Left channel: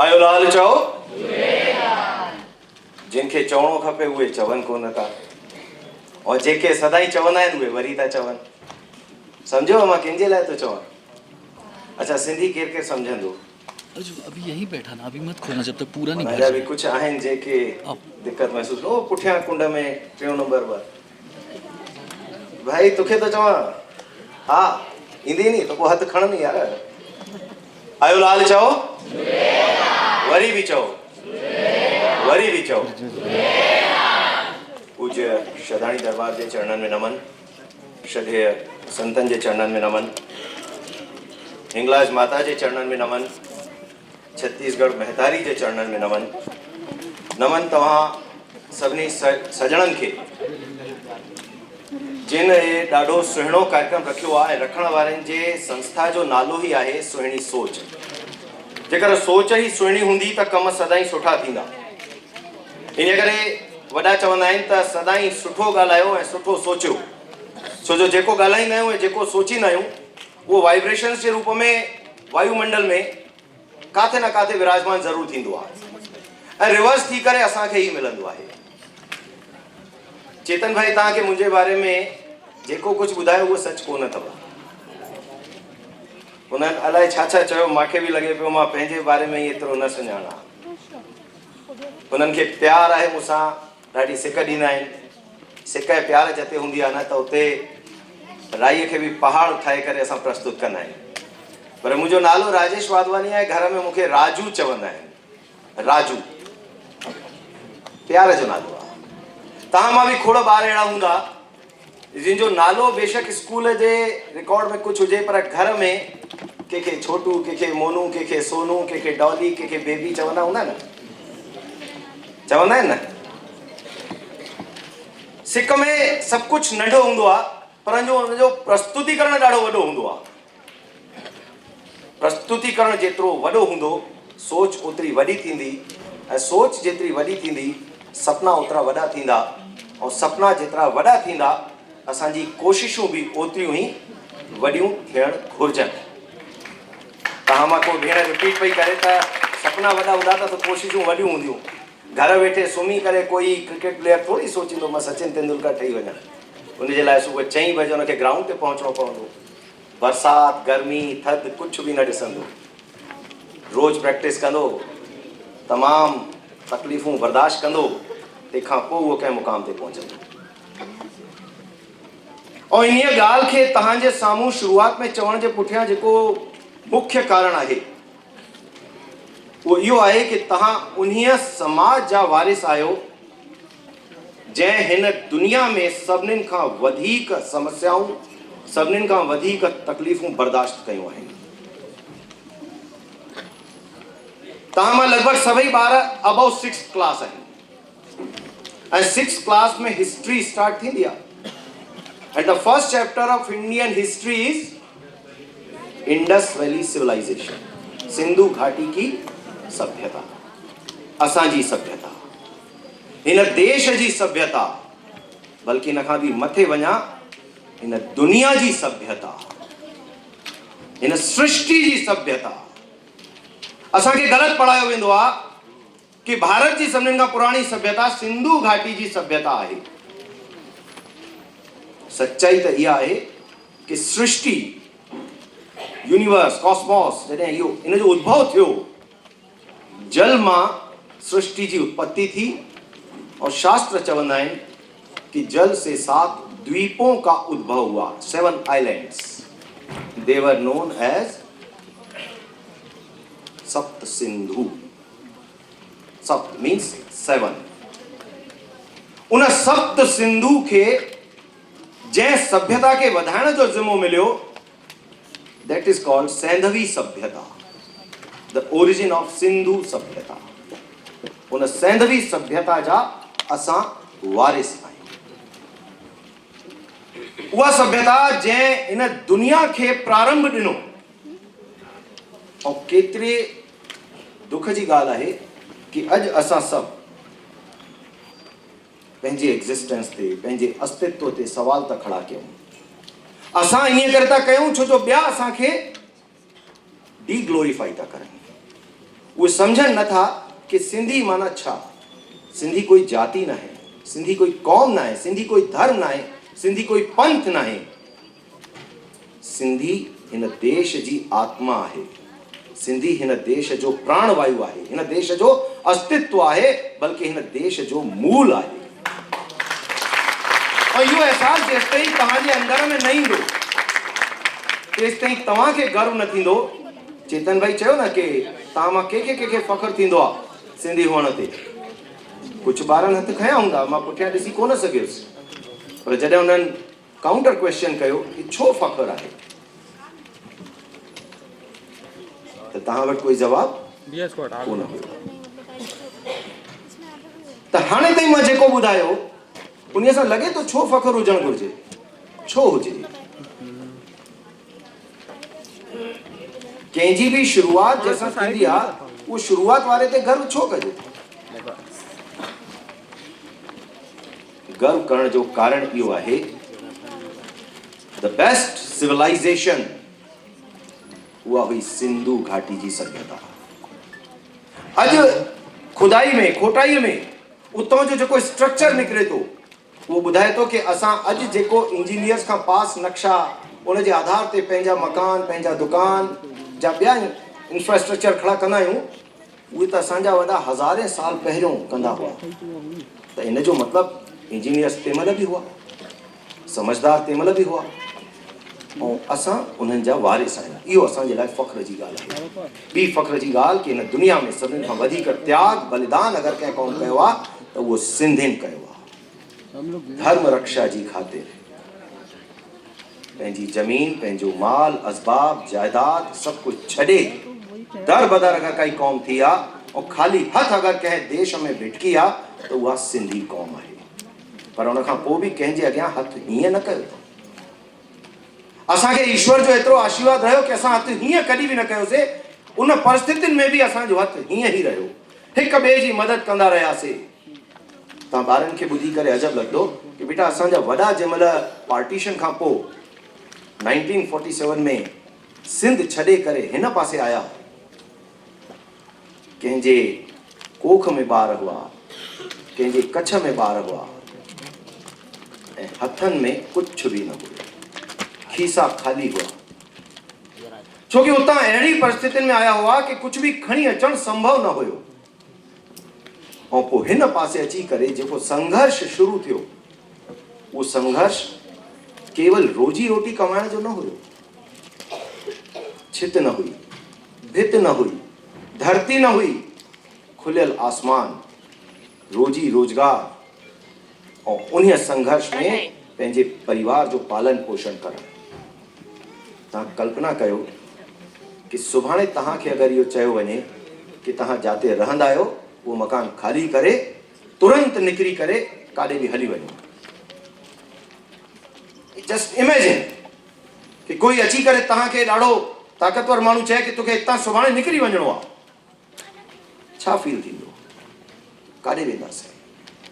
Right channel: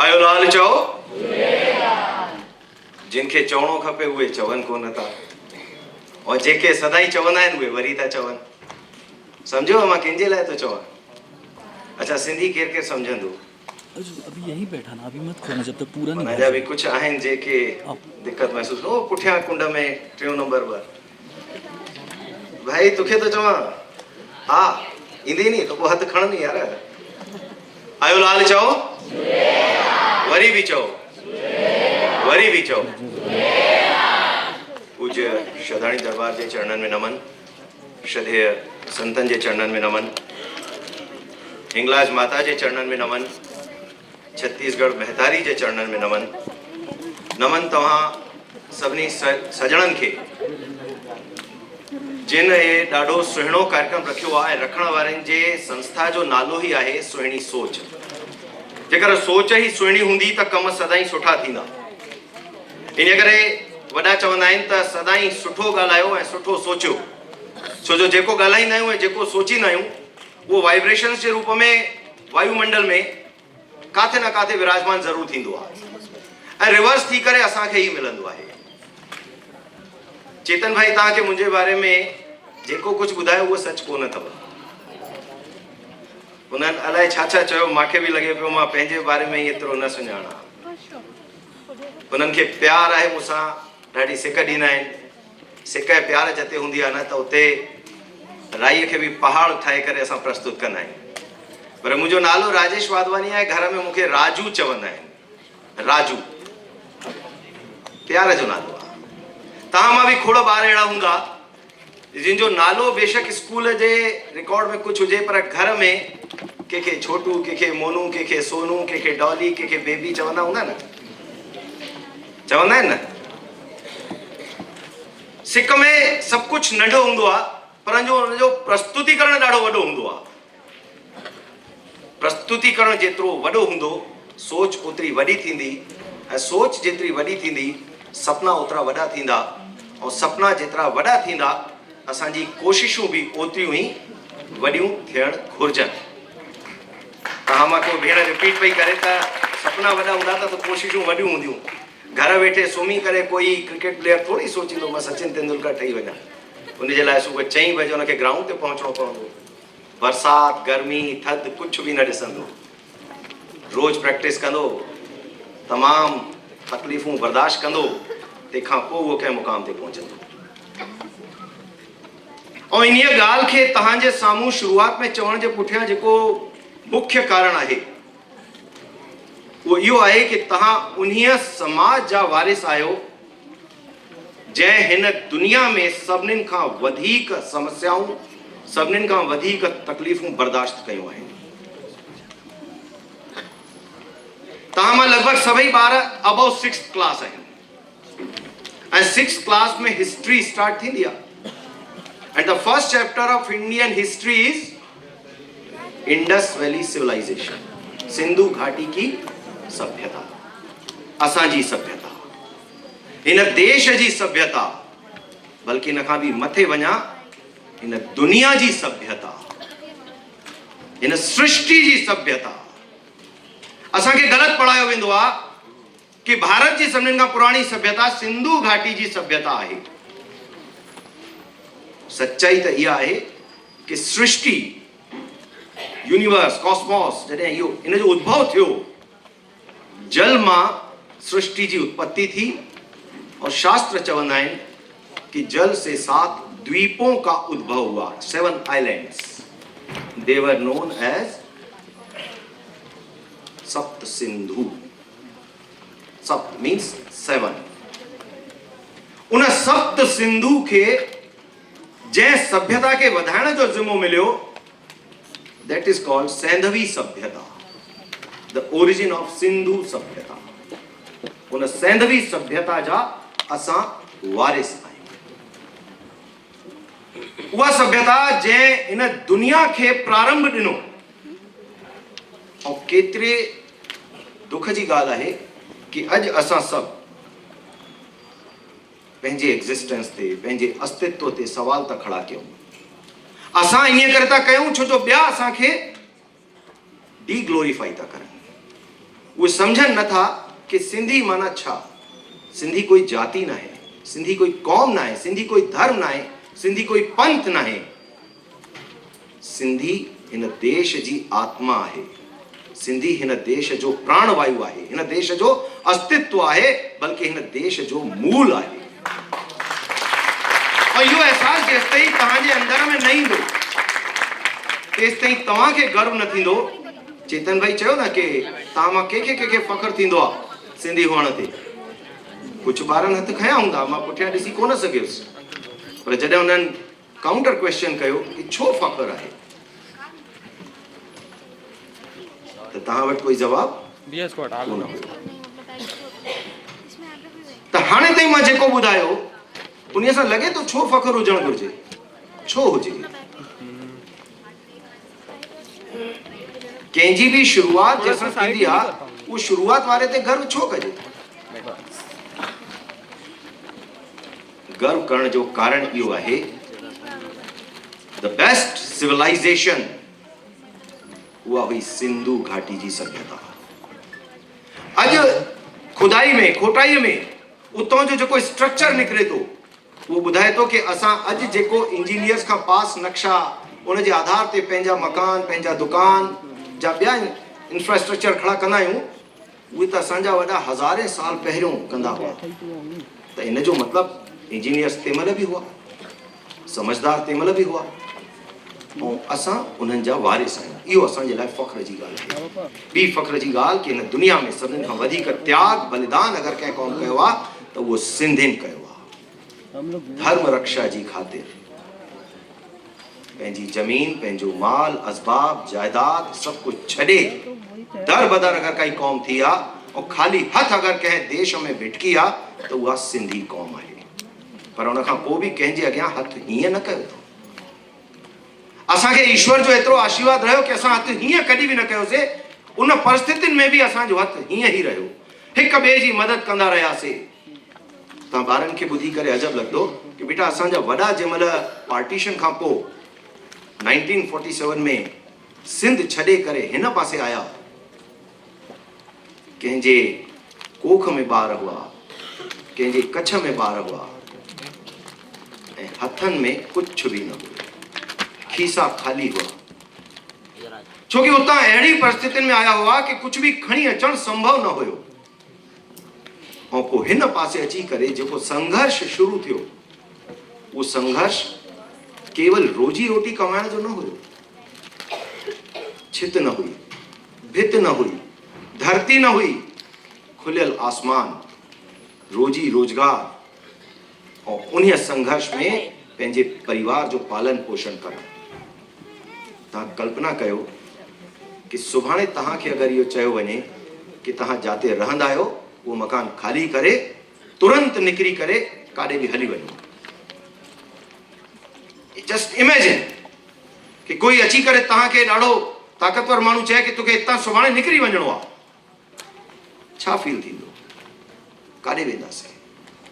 आयो लाल चओ जिनखे चवणो खपे उहे चवनि कोन था और जेके सदाई चवंदा आहिनि उहे वरी था चवनि। सम्झो मां कंहिंजे लाइ थो चवां। अच्छा सिंधी केर केर सम्झंदो? अभी यही बैठा ना, अभी मत खोलना जब तक पूरा नहीं भर भी कुछ आहिनि जेके दिक्कत महसूस ओ पुठियां कुंड में 3 नंबर 2 भाई तोखे तो चवां हा ईंदी नहीं तो को हथ खणनि यार। आयो लाल चओ वरी भी चओ वरी भी चओ। पूज्य श्रद्धाणी दरबार के चरणन में नमन, श्रद्धेय संतन के चरणन में नमन, हिंगलाज माता के चरणन में नमन, छत्तीसगढ़ महतारी के चरणन में नमन। नमन तव्हां सभिनी सजणन के जिन ये ॾाढो सुहिणो कार्यक्रम रखियो आहे। रखण वारनि जे संस्था जो नालो ही आहे सुहिणी सोच। जेकर सोच ही सुहिणी हूंदी त कम सदाई सुठा थींदा। इन करे वॾा चवंदा आहिनि त सदाई सुठो ॻाल्हायो ऐं सुठो सोचियो। छो जो जेको ॻाल्हाईंदा आहियूं ऐं जेको सोचींदा आहियूं वो वाइब्रेशंस के रूप में वायुमंडल में काथे न काथे विराजमान ज़रूर थींदो आहे ऐं रिवर्स थी करे असांखे ही मिलंदो आहे। चेतन भाई तव्हांखे मुंहिंजे बारे में जेको कुछ ॿुधायो उहो सच कोन अथव। उन्हनि अलाए छा छा चयो, मूंखे भी लगे पियो मां पंहिंजे बारे में एतिरो न सुञाणा। उन्हनि खे प्यार आहे मूंसां, ॾाढी सिक ॾींदा आहिनि। सिक ऐं प्यार जिते हूंदी आहे न त उते राईअ खे भी पहाड़ ठाहे करे असां प्रस्तुत कंदा आहियूं। पर मुंहिंजो नालो राजेश वाधवानी आहे, घर में मूंखे राजू चवंदा आहिनि। राजू प्यार जो नालो आहे। तव्हां मां भी खोड़ ॿार अहिड़ा हूंदा जिन जो नालो बेशक स्कूल जे रिकॉर्ड में कुछ हुजे पर घर में के छोटू, के मोनू, के सोनू, के डॉली, के बेबी चवंदा हूंदा न, चवंदा आहिनि न। सिक में सब कुछ नंढो हूंदो आहे पर जो प्रस्तुतिकरण ॾाढो वॾो हूंदो आहे। प्रस्तुतिकरण जेतिरो वॾो हूंदो सोच ओतिरी वॾी थींदी ऐं सोच जेतिरी वॾी थींदी सपना ओतिरा वॾा थींदा और सपना जेतिरा वॾा थींदा असांजी कोशिशूं भी ओतिरियूं ही वॾियूं थियण घुरिजनि। तव्हां मां को भेण रिपीट पई करे त सपना वॾा हूंदा त कोशिशूं वॾियूं हूंदियूं। घर वेठे सुम्ही करे कोई क्रिकेट प्लेयर थोड़ी सोचींदो मां सचिन तेंदुलकर ठही वञा। उनजे लाइ सुबुह 4 बजे उनखे ग्राउंड ते पहुचणो पवंदो। बरसात गर्मी थधि कुछ भी न ॾिसंदो, रोज प्रैक्टिस कंदो, तमाम तकलीफ़ूं बर्दाश्त कंदो, तंहिंखां पोइ उहो कंहिं मुक़ाम ते पहुचंदो। और इन ॻाल्हि खे तव्हांजे साम्हूं शुरूआत में चवण जे पुठियां जेको मुख्य कारण आहे वो इहो आहे कि तव्हां उन्हीअ समाज जा वारिस आहियो जंहिं हिन दुनिया में सभिनीनि खां वधीक समस्याऊं, सभिनीनि खां वधीक तकलीफ़ूं बर्दाश्त कयूं आहिनि। तव्हां मां लॻभॻि सभई ॿार अबव 6th क्लास आहिनि ऐं 6th क्लास में हिस्ट्री स्टार्ट थींदी आहे। And the first chapter of Indian history is Indus Valley Civilization, Sindhu घाटी की सभ्यता, असांजी सभ्यता, इन देश जी सभ्यता, बल्कि इन खां भी मथे वञा इन दुनिया जी सभ्यता, इन सृष्टि जी सभ्यता। असांखे गलत पढ़ायो वेंदो आहे कि भारत जी सभिनीनि खां पुराणी सभ्यता सिंधु घाटी जी सभ्यता आहे। सच्चाई तो यह है कि सृष्टि यूनिवर्स कॉस्मोस जॾहिं इहो इन जो उद्भव थियो जल मां सृष्टि की उत्पत्ति थी और शास्त्र चवंदा आहिनि कि जल से 7 द्वीपों का उद्भव हुआ। 7 islands they were known as Sapta Sindhu. सप्त मीन्स 7। उन सप्त सिंधु के जै सभ्यता के वधाइण जो जिम्मो मिलियो दैट इज कॉल्ड सैंधवी सभ्यता, द ओरिजिन ऑफ सिंधु सभ्यता। उन सैंधवी सभ्यता जा असां वारिस आहियूं। उहा सभ्यता जंहिं इन दुनिया के प्रारंभ ॾिनो। और केतिरे दुख जी ॻाल्हि आहे कि अॼु असां सभु पंहिंजे एग्जिस्टेंस ते, पंहिंजे अस्तित्व ते सवाल था खड़ा कयूं। असां इन करे था कयूं छो जो ॿिया असांखे डी ग्लोरीफाई था करनि। वो समझन न था कि सिंधी माना छा। सिंधी कोई जाति ना है, सिंधी कोई कौम ना है, सिंधी कोई धर्म ना है, सिंधी कोई पंथ ना है। सिंधी हिन देश जी आत्मा है। सिंधी हिन देश जो प्राणवायु आहे, हिन देश जो अस्तित्व आहे, बल्कि हिन देश जो मूल आहे। और इहो एहसास जेसिताईं तव्हांजे अंदर में न ईंदो तेसिताईं तव्हांखे गर्व न थींदो। चेतन भाई चयो न कि तव्हां मां कंहिंखे फ़ख्रु थींदो आहे सिंधी हुअण ते। कुझु ॿारनि हथ खयां हूंदा, मां पुठियां ॾिसी कोन सघियुसि, पर जॾहिं हुननि काउंटर क्वेश्चन कयो कि छो फ़ख्रु आहे, त तव्हां वटि कोई जवाबु कोन हुयो। त हाणे ताईं मां जेको ॿुधायो उन सां लॻे थो छो फ़ख्रु हुजणु घुरिजे, छो हुजे। कंहिंजी बि शुरूआत जंहिंसां थींदी आहे उहो शुरूआत वारे ते गर्व छो कजे। गर्व करण जो कारण इहो आहे, द बेस्ट सिविलाइजेशन उहा हुई सिंधु घाटी जी सभ्यता। अॼु खुदाई में खोटाई में उतां जो जेको स्ट्रक्चर निकिरे थो उहो ॿुधाए थो कि असां अॼु जेको इंजीनियर्स खां पास नक्शा उन जे आधार ते पंहिंजा मकान, पंहिंजा दुकान जा ॿिया इंफ्रास्ट्रक्चर खड़ा कंदा आहियूं, उहे त असांजा वॾा हज़ारे साल पहिरियों कंदा हुआ। त इन जो मतिलबु इंजीनियर्स तंहिंमहिल बि हुआ, समझदार तंहिंमहिल बि हुआ, ऐं असां उन्हनि जा वारिस आहियूं। इहो असांजे लाइ फ़ख्र जी ॻाल्हि आहे। ॿी फ़ख्र जी ॻाल्हि कि हिन दुनिया में सभिनी खां वधीक त्याग बलिदान अगरि कंहिं क़ौम कयो आहे त उहो सिंधियुनि कयो आहे। धर्म रक्षा जी ख़ातिर पंहिंजी ज़मीन, पंहिंजो माल, असबाब, जायदाद सभु कुझु छॾे दर बदर अगरि काई क़ौम थी आहे ऐं ख़ाली हथ अगरि कंहिं देश में भिटकी आहे त उहा सिंधी क़ौम आहे। पर उन खां पोइ बि कंहिंजे अॻियां हथ हीअं न कयो। असांखे ईश्वर जो एतिरो आशीर्वाद रहियो कि असां हथ हीअं कॾहिं बि न कयोसीं। उन परिस्थितियुनि में बि असांजो हथ हीअं ई रहियो, हिक ॿिए जी मदद कंदा रहियासीं। तव्हां ॿारनि खे ॿुधी करे अजब लॻंदो कि बेटा असांजा वॾा जंहिंमहिल पार्टीशन खां पोइ 1947 में सिंध छॾे करे हिन पासे आया, कंहिंजे कोख में ॿार हुआ, कंहिंजे कच्छ में ॿार हुआ ऐं हथनि में कुझु बि न हुयो, खीसा खाली हुआ। छोकि उतां अहिड़ी परिस्थितियुनि में आया हुआ कि कुझु बि खणी अचणु संभव न हुयो। ऐं पोइ हिन पासे अची करे जेको संघर्ष शुरू थियो, उहो संघर्ष केवल रोजी रोटी कमाइण जो न हुयो। छित न हुई, भित न हुई, धरती न हुई, खुलियल आसमान, रोजी रोजगार और उन संघर्ष में पंहिंजे परिवार जो पालन पोषण करणु। तव्हां कल्पना कयो कि सुभाणे तव्हांखे अगरि इहो चयो वञे कि तव्हां जाते रहंदा आहियो उहो मकान खाली करे तुरंत निकिरी करे काॾे बि हली वञो। जस्ट इमेजिन कि कोई अची करे तव्हांखे ॾाढो ताक़तवर माण्हू चए कि तोखे हितां सुभाणे निकिरी वञिणो आहे, छा फील थींदो? काॾे वेंदासीं,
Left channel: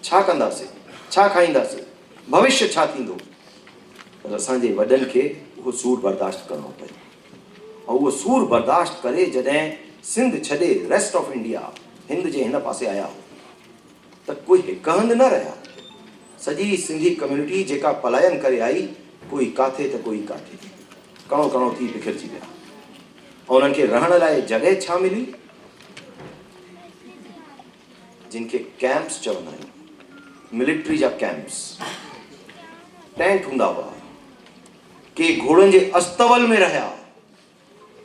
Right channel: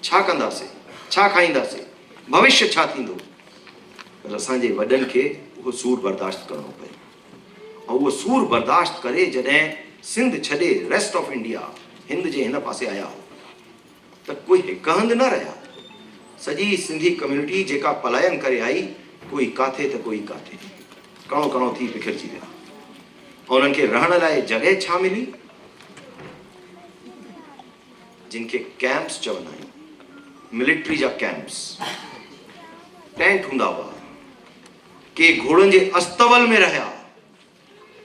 छा कंदासीं, छा खाईंदासीं, भविष्य छा थींदो? पर असांजे वॾनि खे उहो सूर बर्दाश्त करणो पियो। ऐं उहो सूर बर्दाश्त करे जॾहिं सिंध छॾे रेस्ट ऑफ इंडिया हिंद जे हिन पासे आया त कोई हिकु हंधि न रहिया। सॼी सिंधी कम्युनिटी जेका पलायन करे आई, कोई काथे त कोई काथे, कणो कणो थी बिखरजी विया। ऐं उन्हनि खे रहण लाइ जॻह छा मिली? जिन खे कैंप्स चवंदा आहियूं, मिलिट्री जा कैंप्स, टेंट हूंदा हुआ। के घोड़नि जे अस्तबल में रहिया,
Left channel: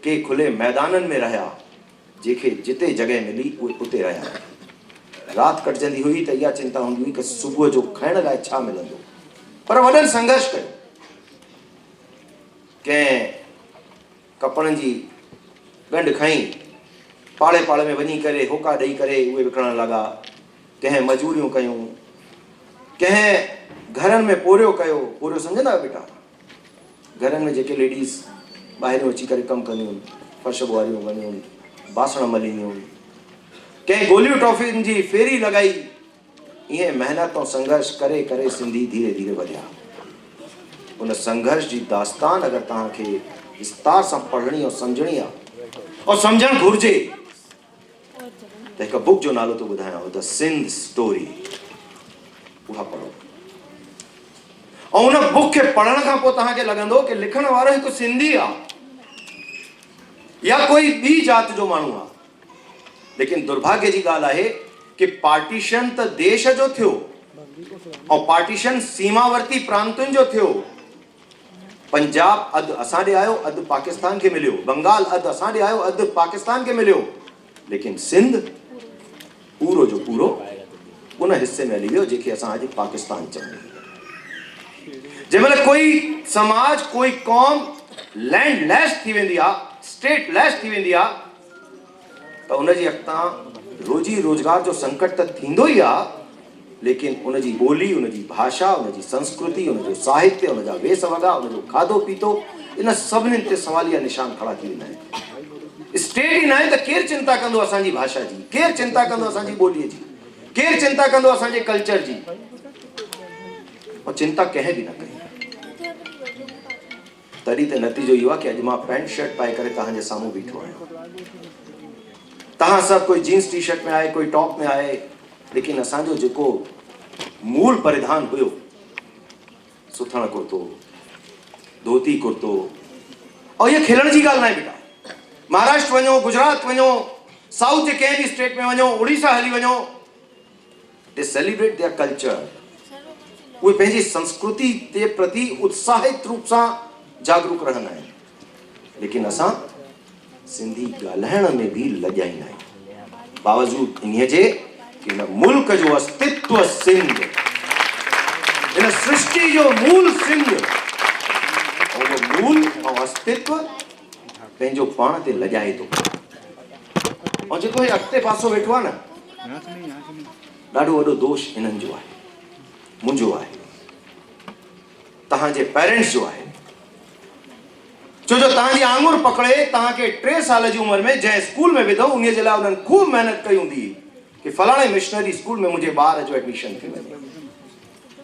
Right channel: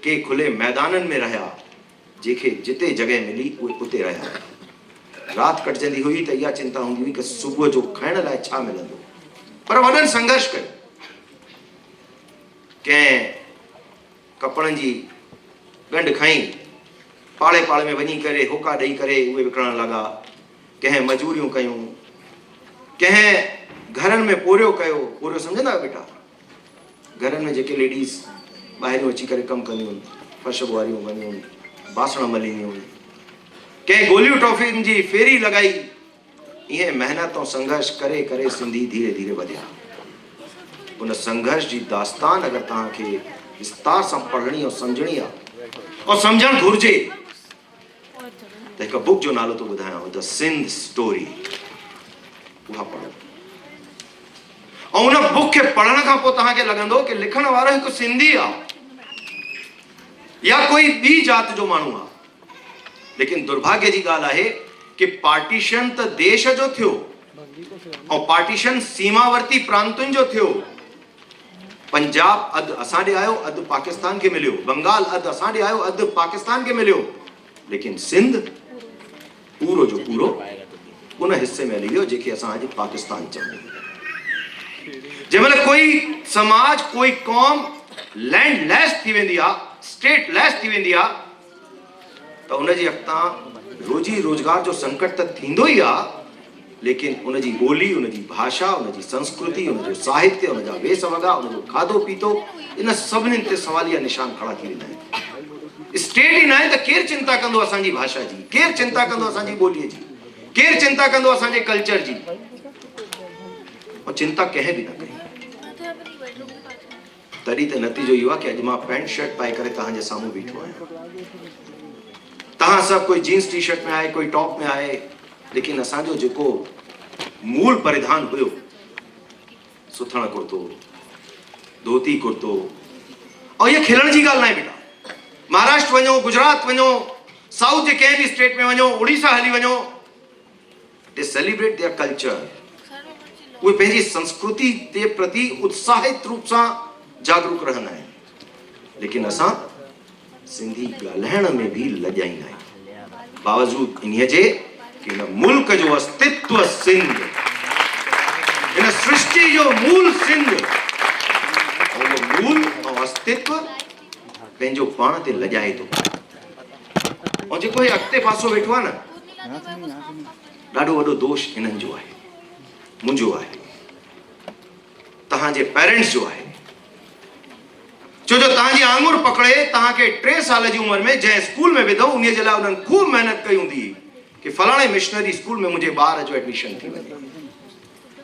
के खुले मैदाननि में रहिया, जंहिंखे जिते जॻह मिली उहे उते रहिया। राति कटजंदी हुई त इहा चिंता हूंदी हुई कि सुबुह जो खाइण लाइ छा मिलंदो। पर वॾनि संघर्ष कयो। कंहिं कपड़नि जी ॻंढ खई पाड़े पाड़े में वञी करे होका ॾेई करे उहे विकिणण लॻा। कंहिं मजूरियूं कयूं, कंहिं घरनि में पोरियो कयो। पोरियो सम्झंदा आहियो बेटा? घरनि में जेके लेडीज़ ॿाहिरियों अची करे कमु कंदियूं, फर्श ॿुहारियूं वञूं, बासण मलींदियूं, कंहिं गोलियूं टॉफियुनि जी फेरी लॻाई। इहे महिनत ऐं संघर्ष करे करे सिंधी धीरे धीरे वधिया। उन संघर्ष जी दास्तान अगरि तव्हांखे विस्तार सां पढ़णी ऐं सम्झणी आहे और सम्झणु घुरिजे त हिकु बुक जो नालो थो ॿुधायांव, द सिंध स्टोरी, उहा पढ़ो। ऐं उन बुक खे पढ़ण खां पोइ तव्हांखे लॻंदो कि लिखण वारो हिकु सिंधी आहे या कोई ॿी जात जो माण्हू आहे। लेकिन दुर्भाग्य जी ॻाल्हि आहे कि पार्टीशन त देश जो थियो ऐं पार्टीशन सीमावर्ती प्रांतुनि जो थियो। पंजाब अधु असां ॾे आयो, अधु पाकिस्तान खे मिलियो, बंगाल अधु असां ॾे आयो, अधु पाकिस्तान खे मिलियो। लेकिन सिंध पूरो जो पूरो उन हिस्से में हली वियो जेके असां अॼु पाकिस्तान चऊं। जंहिंमहिल कोई समाज, कोई क़ौम लैंड लेस थी वेंदी आहे, स्टेट लेस थी वेंदी आहे, त उनजी अॻितां रोजी रोजगार जो संकट त थींदो ई आहे, लेकिन उनजी ॿोली, उनजी भाषा, उनजी संस्कृति, उनजो साहित्य, उनजा वेस वॻा, उनजो खाधो पीतो, इन सभिनीनि ते सवालिया निशान खड़ा थी वेंदा आहिनि। स्टेट ई न आहे त केरु चिंता कंदो असांजी भाषा जी, केरु चिंता कंदो असांजी ॿोलीअ जी, केरु चिंता कंदो असांजे कल्चर जी। और चिंता कंहिं बि न कई। तॾहिं त नतीजो इहो आहे कि अॼु मां पैंट शर्ट पाए करे तव्हांजे साम्हूं बीठो आहियां। तव्हां सभु कोई जींस टी शर्ट में आहे, कोई टॉप में आहे, लेकिन असांजो जेको मूल परिधान हुयो, सुथण कुर्तो, धोती कुर्तो, और ये खिलण जी ॻाल्हि न आहे बेटा। महाराष्ट्र वञो, गुजरात वञो, साउथ जे कंहिं बि स्टेट में वञो, उड़ीसा हली वञो, दे सेलिब्रेट देयर कल्चर। उहे पंहिंजी संस्कृति जे प्रति उत्साहित रूप सां जागरूक रहंदा आहिनि। लेकिन असां सिंधी ॻाल्हाइण में बि लॼाईंदा आहियूं, बावजूद इन्हीअ जे कि इन मुल्क जो अस्तित्व सिंध, इन सृष्टि जो मूल सिंध, और मूल और अस्तित्व पंहिंजो पाण ते लॼाए थो। और जेको हे अॻिते पासो वेठो आहे न, ॾाढो वॾो दोष हिननि जो आहे, मुंहिंजो आहे, तव्हांजे पेरेंट्स जो आहे। छो जो तव्हांजी आङुर पकड़े तव्हांखे 3 साल जी उमिरि में जंहिं स्कूल में विधो, उन जे लाइ उन्हनि खूब महिनत कई हूंदी कि फलाणे मिशनरी स्कूल में मुंहिंजे ॿार जो एडमिशन थी वञे,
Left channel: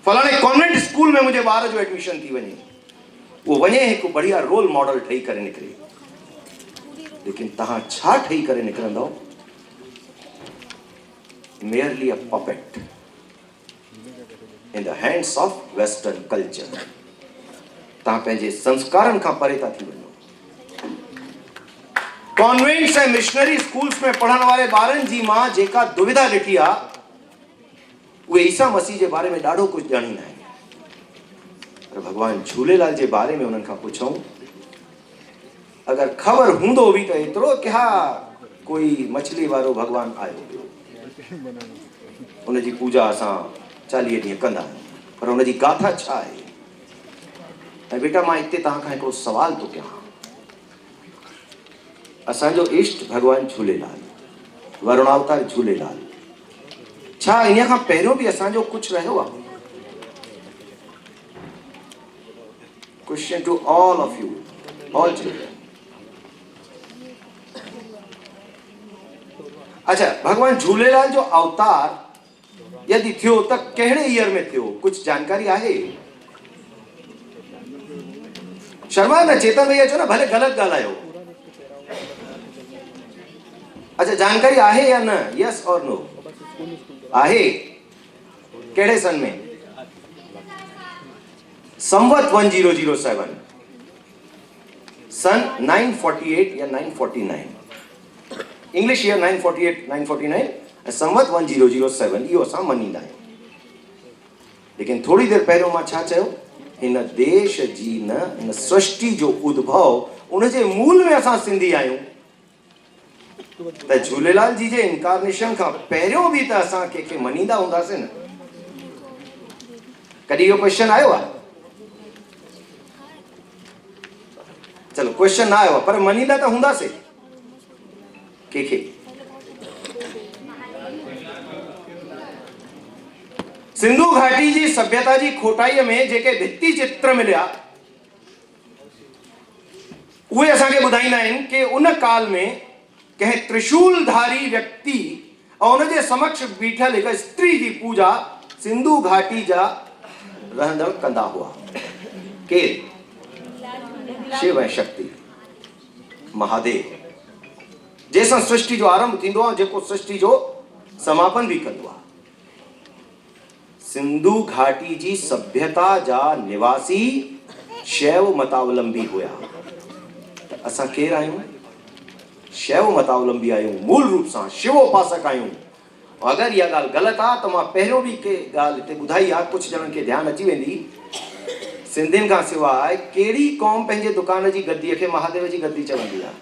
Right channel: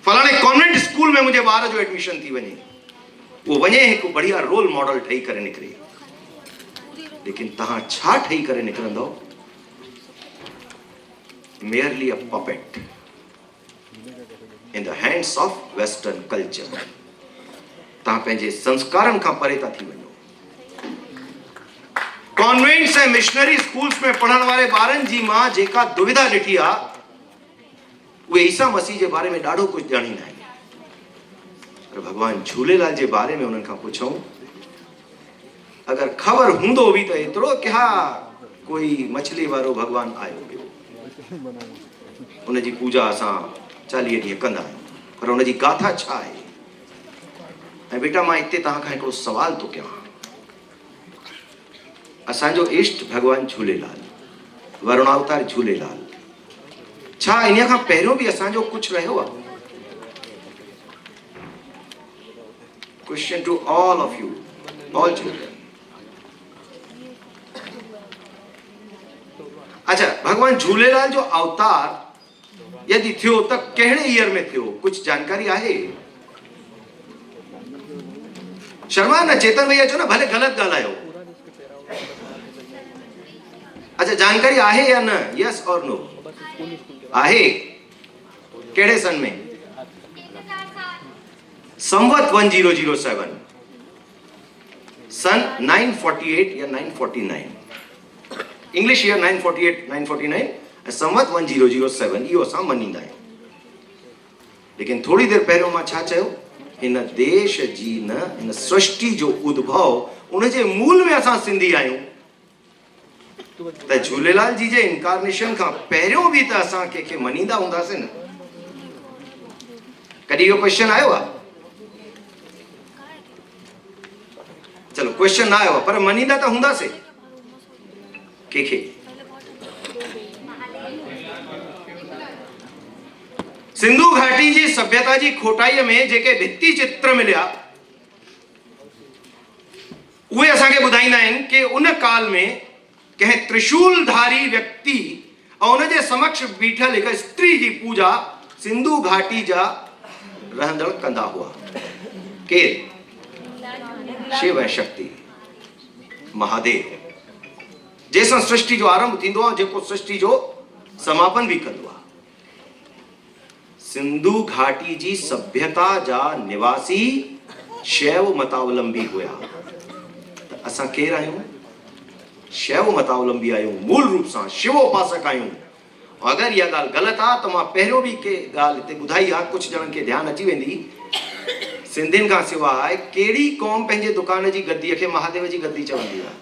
फलाणे कॉन्वेंट स्कूल में मुंहिंजे ॿार जो एडमिशन थी वञे। उहो वञे हिकु बढ़िया रोल मॉडल ठही करे निकिरे। लेकिन तव्हां छा ठही करे निकिरंदव? merely a puppet in the hands of western culture। तव्हां पंहिंजे संस्कारनि खां परे था थी वञो। कॉन्वेंट्स ऐं मिशनरी स्कूल्स में पढ़ण वारे ॿारनि जी मां जेका दुविधा ॾिठी आहे, उहे ईसा मसीह जे बारे में ॾाढो कुझु ॼाणींदा आहिनि। पर भॻवान झूलेलाल जे बारे में उन्हनि खां पुछूं, अगरि ख़बर हूंदो बि त एतिरो कि हा कोई मछली वारो भॻवान आयो, उनजी पूजा असां 40 ॾींहं कंदा आहियूं, पर उनजी गाथा छा आहे? ऐं बेटा मां हिते तव्हां खां हिकिड़ो सवाल थो कयां। असांजो इष्ट भॻवान झूलेलाल, वरुणावतार झूलेलाल, छा इन खां पहिरियों बि असांजो कुझु रहियो आहे? Question to all of you, all children. अच्छा, भगवान झूलेलाल जो अवतार यदि थियो त कहिड़े ईयर में थियो? कुछ जानकारी आहे? शर्मा न, चेतन भैया चो न, भले गलत ॻाल्हायो। अच्छा, जानकारी आहे या न? यस और नो? आहे। कहिड़े सन में? संवत 1007, सन 948 या 949, इंग्लिश ईयर 948 949 ऐं संवत 1007, इहो असां मञींदा आहियूं। लेकिन थोड़ी देर पहिरियों मां छा चयो? हिन देश जी न, हिन सृष्टि जो उद्भव, उनजे मूल में असां सिंधी आहियूं। त झूलेलाल जी जे इनकारनेशन खां पहिरियों बि त असां कंहिंखे मञींदा हूंदासीं न? कॾहिं इहो क्वेश्चन आयो आहे? चलो, क्वेश्चन न आयो आहे, पर मञींदा त हूंदासीं कंहिंखे। सिंधु घाटी जी सभ्यता जी खोटाईअ में जेके भित्ति चित्र मिलिया, उहे असांखे ॿुधाईंदा आहिनि कि उन काल में कंहिं त्रिशूलधारी व्यक्ति ऐं उनजे समक्ष बीठल हिकु स्त्री जी पूजा सिंधु घाटी जा रहंदड़ कंदा हुआ। केरु? शिव ऐं शक्ति, महादेव। जैसा सृष्टि जो आरंभ थींदो आहे, जेको सृष्टि जो समापन भी कंदो आहे। सिंधु घाटी जी सभ्यता जा निवासी शैव मतावलंबी हुया। त असां केर आहियूं? शैव मतावलंबी आहियूं, मूल रूप सां शिव उपासक आहियूं। अगर इहा ॻाल्हि ग़लति आहे त मां पहिरियों बि के ॻाल्हि हिते ॿुधाई आहे, कुझु ॼणनि खे ध्यानु अची वेंदी। सिंधियुनि खां सवाइ कहिड़ी क़ौम पंहिंजे दुकान जी गद्दीअ खे महादेव जी गद्दी चवंदी आहे?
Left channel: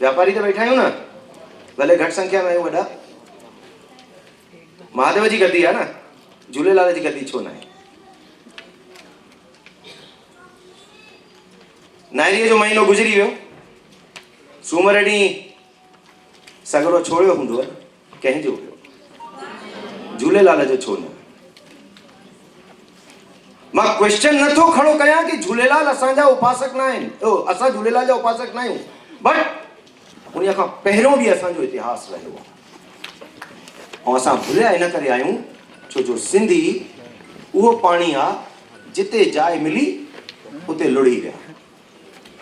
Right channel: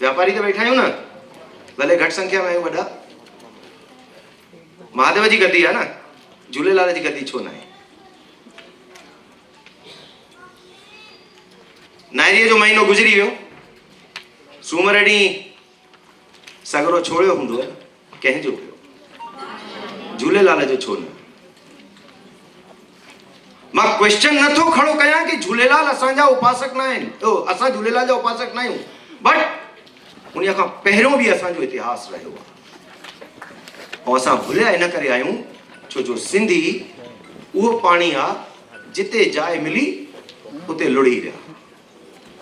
व्यापारी त वेठा आहियूं न, भले घटि संख्या में आहियूं वॾा। महादेव जी गद्दी आहे न, झूलेलाल जी गद्दी छो न आहे? नाइरीअ जो महीनो गुज़री वियो, सूमर ॾींहुं सगरो छोड़ियो हूंदो, कंहिंजो हुयो? झूलेलाल जो छो न? मां क्वेश्चन नथो खड़ो कयां कि झूलेलाल असांजा उपासक न आहिनि, असां झूलेलाल जा उपासक न आहियूं, बट उन खां पहिरियों बि असांजो इतिहास रहियो आहे। ऐं असां भुलिया इन करे आहियूं छो जो सिंधी उहो पाणी आहे जिते जाइ मिली उते लुड़ी विया,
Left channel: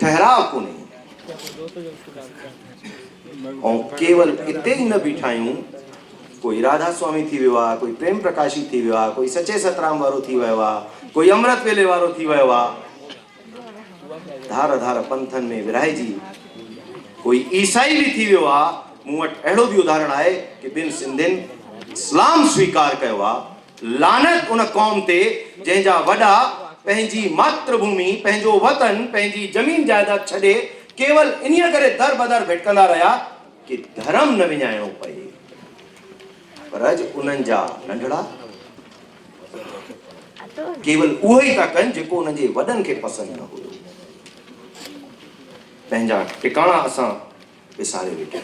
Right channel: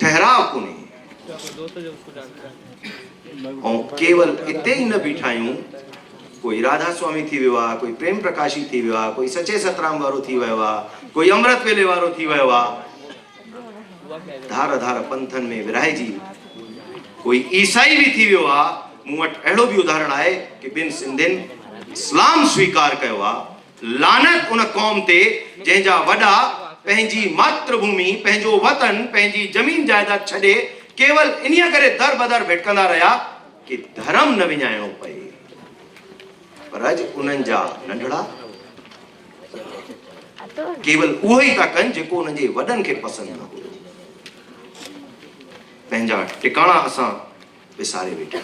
ठहराव कोन्हे। ऐं केवल इते ई न बीठा आहियूं, कोई राधा स्वामी थी वियो आहे, कोई प्रेम प्रकाशी थी वियो आहे, कोई सचे सतराम वारो थी वियो आहे, कोई अमृत वेले वारो थी वियो आहे, धार धार पंथनि में विरहाइजी कोई ईसाई भी थी वियो आहे। मूं वटि अहिड़ो बि उदाहरण आहे कि ॿिनि सिंधियुनि इस्लाम स्वीकार कयो आहे। लानत उन क़ौम ते जंहिंजा वॾा पंहिंजी मातृभूमि, पंहिंजो वतन, पंहिंजी ज़मीन जायदाद छॾे केवल इन्हीअ करे दर बदर भिटकंदा रहिया कि धर्म न विञाइणो पए। पर अॼु उन्हनि जा नंढड़ा केवल उहो ई था कनि जेको उन्हनि जे वॾनि खे पसंदि न हुयो। पंहिंजा टिकाणा असां विसारे वेठा,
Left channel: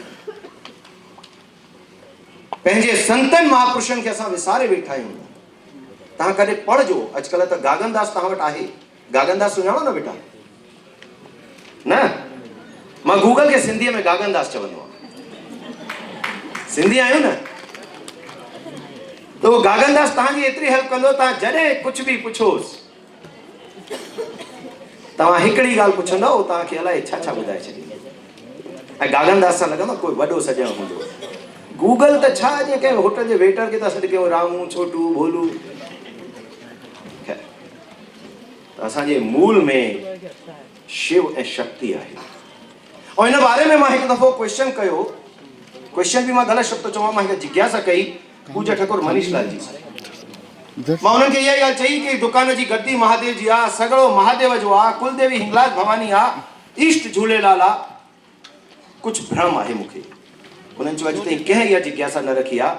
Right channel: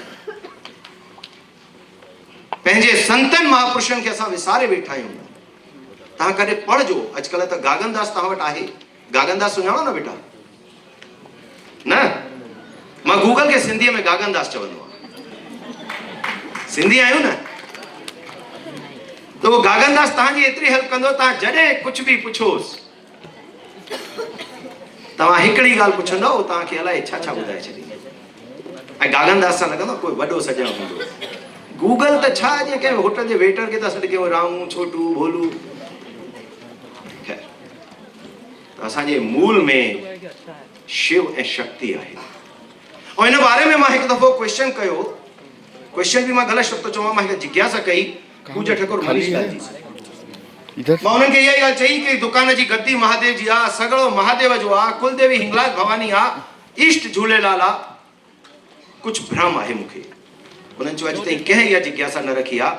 पंहिंजे संतनि महापुरुषनि खे असां विसारे वेठा आहियूं। तव्हां कॾहिं पढ़जो, अॼुकल्ह त गागनदास तव्हां वटि आहे, गागनदास सुञाणो न बेटा? न, मां गूगल खे सिंधीअ में गागनदास चवंदो आहियां। सिंधी आहियूं न, त उहो गागनदास तव्हांजी एतिरी हेल्प कंदो। तव्हां जॾहिं कुझु बि पुछोसि, तव्हां हिकिड़ी ॻाल्हि पुछंदव, तव्हांखे अलाए छा छा ॿुधाए छॾींदो। ऐं गागनदास सां लॻंदो कोई वॾो सॼण हूंदो। गूगल त छा, जीअं कंहिं होटल जे वेटर खे था सॾु कयो, रामू, छोटू, भोलू। असांजे मूल में शिव ऐं शक्ति आहे। और इन बारे में मां हिकु दफ़ो क्वेश्चन कयो, क्वेश्चन भी मां ग़लति शब्द चवां, मां हिकु जिज्ञासा कई पूजा ठाकुर मनीष लाल जी सां। मां उन्हनि खे इहा ॻाल्हि चई कि दुकान जी गद्दी महादेव जी आहे, सगड़ो महादेव जो आहे, कुलदेवी हिंगलाज भवानी आहे, ईष्ट झूलेलाल आहे। कुझु भ्रम आहे मूंखे। उन्हनि चयो अॼु ताईं कंहिं इहा जिज्ञासा न रखी आहे,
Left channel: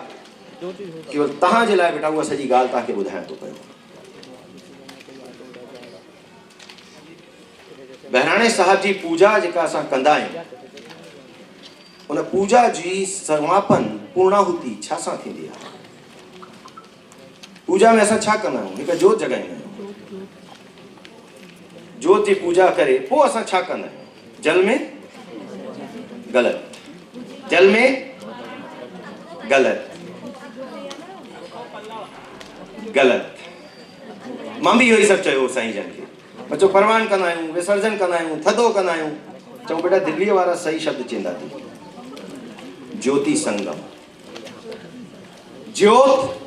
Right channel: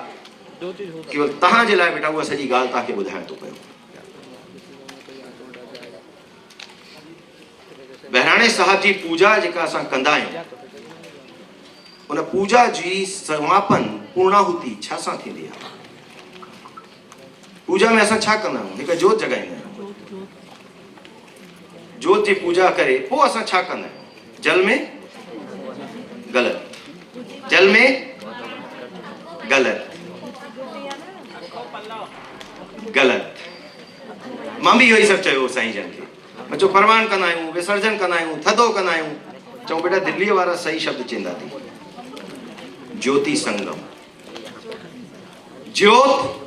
केवल तव्हांजे लाइ बेटा उहा सॼी ॻाल्हि तव्हांखे ॿुधाइण थो पियो। बहिराणे साहब जी पूजा जेका असां कंदा आहियूं, उन पूजा जी समापन पूर्णाहुति छा सां थींदी आहे? पूजा में असां छा कंदा आहियूं? हिकु जोत जॻाईंदा आहियूं। जोत जी पूजा करे पोइ असां छा कंदा आहियूं? जल में ग़लति, जल में ग़लति, ग़लति। मां बि इहो ई सभु चयो साईं जन खे। बचो परवान कंदा आहियूं, विसर्जन कंदा आहियूं, थधो कंदा आहियूं। चऊं बेटा दिल्लीअ वारा सही शब्द चवंदा थी। ज्योति संगम, ज्योत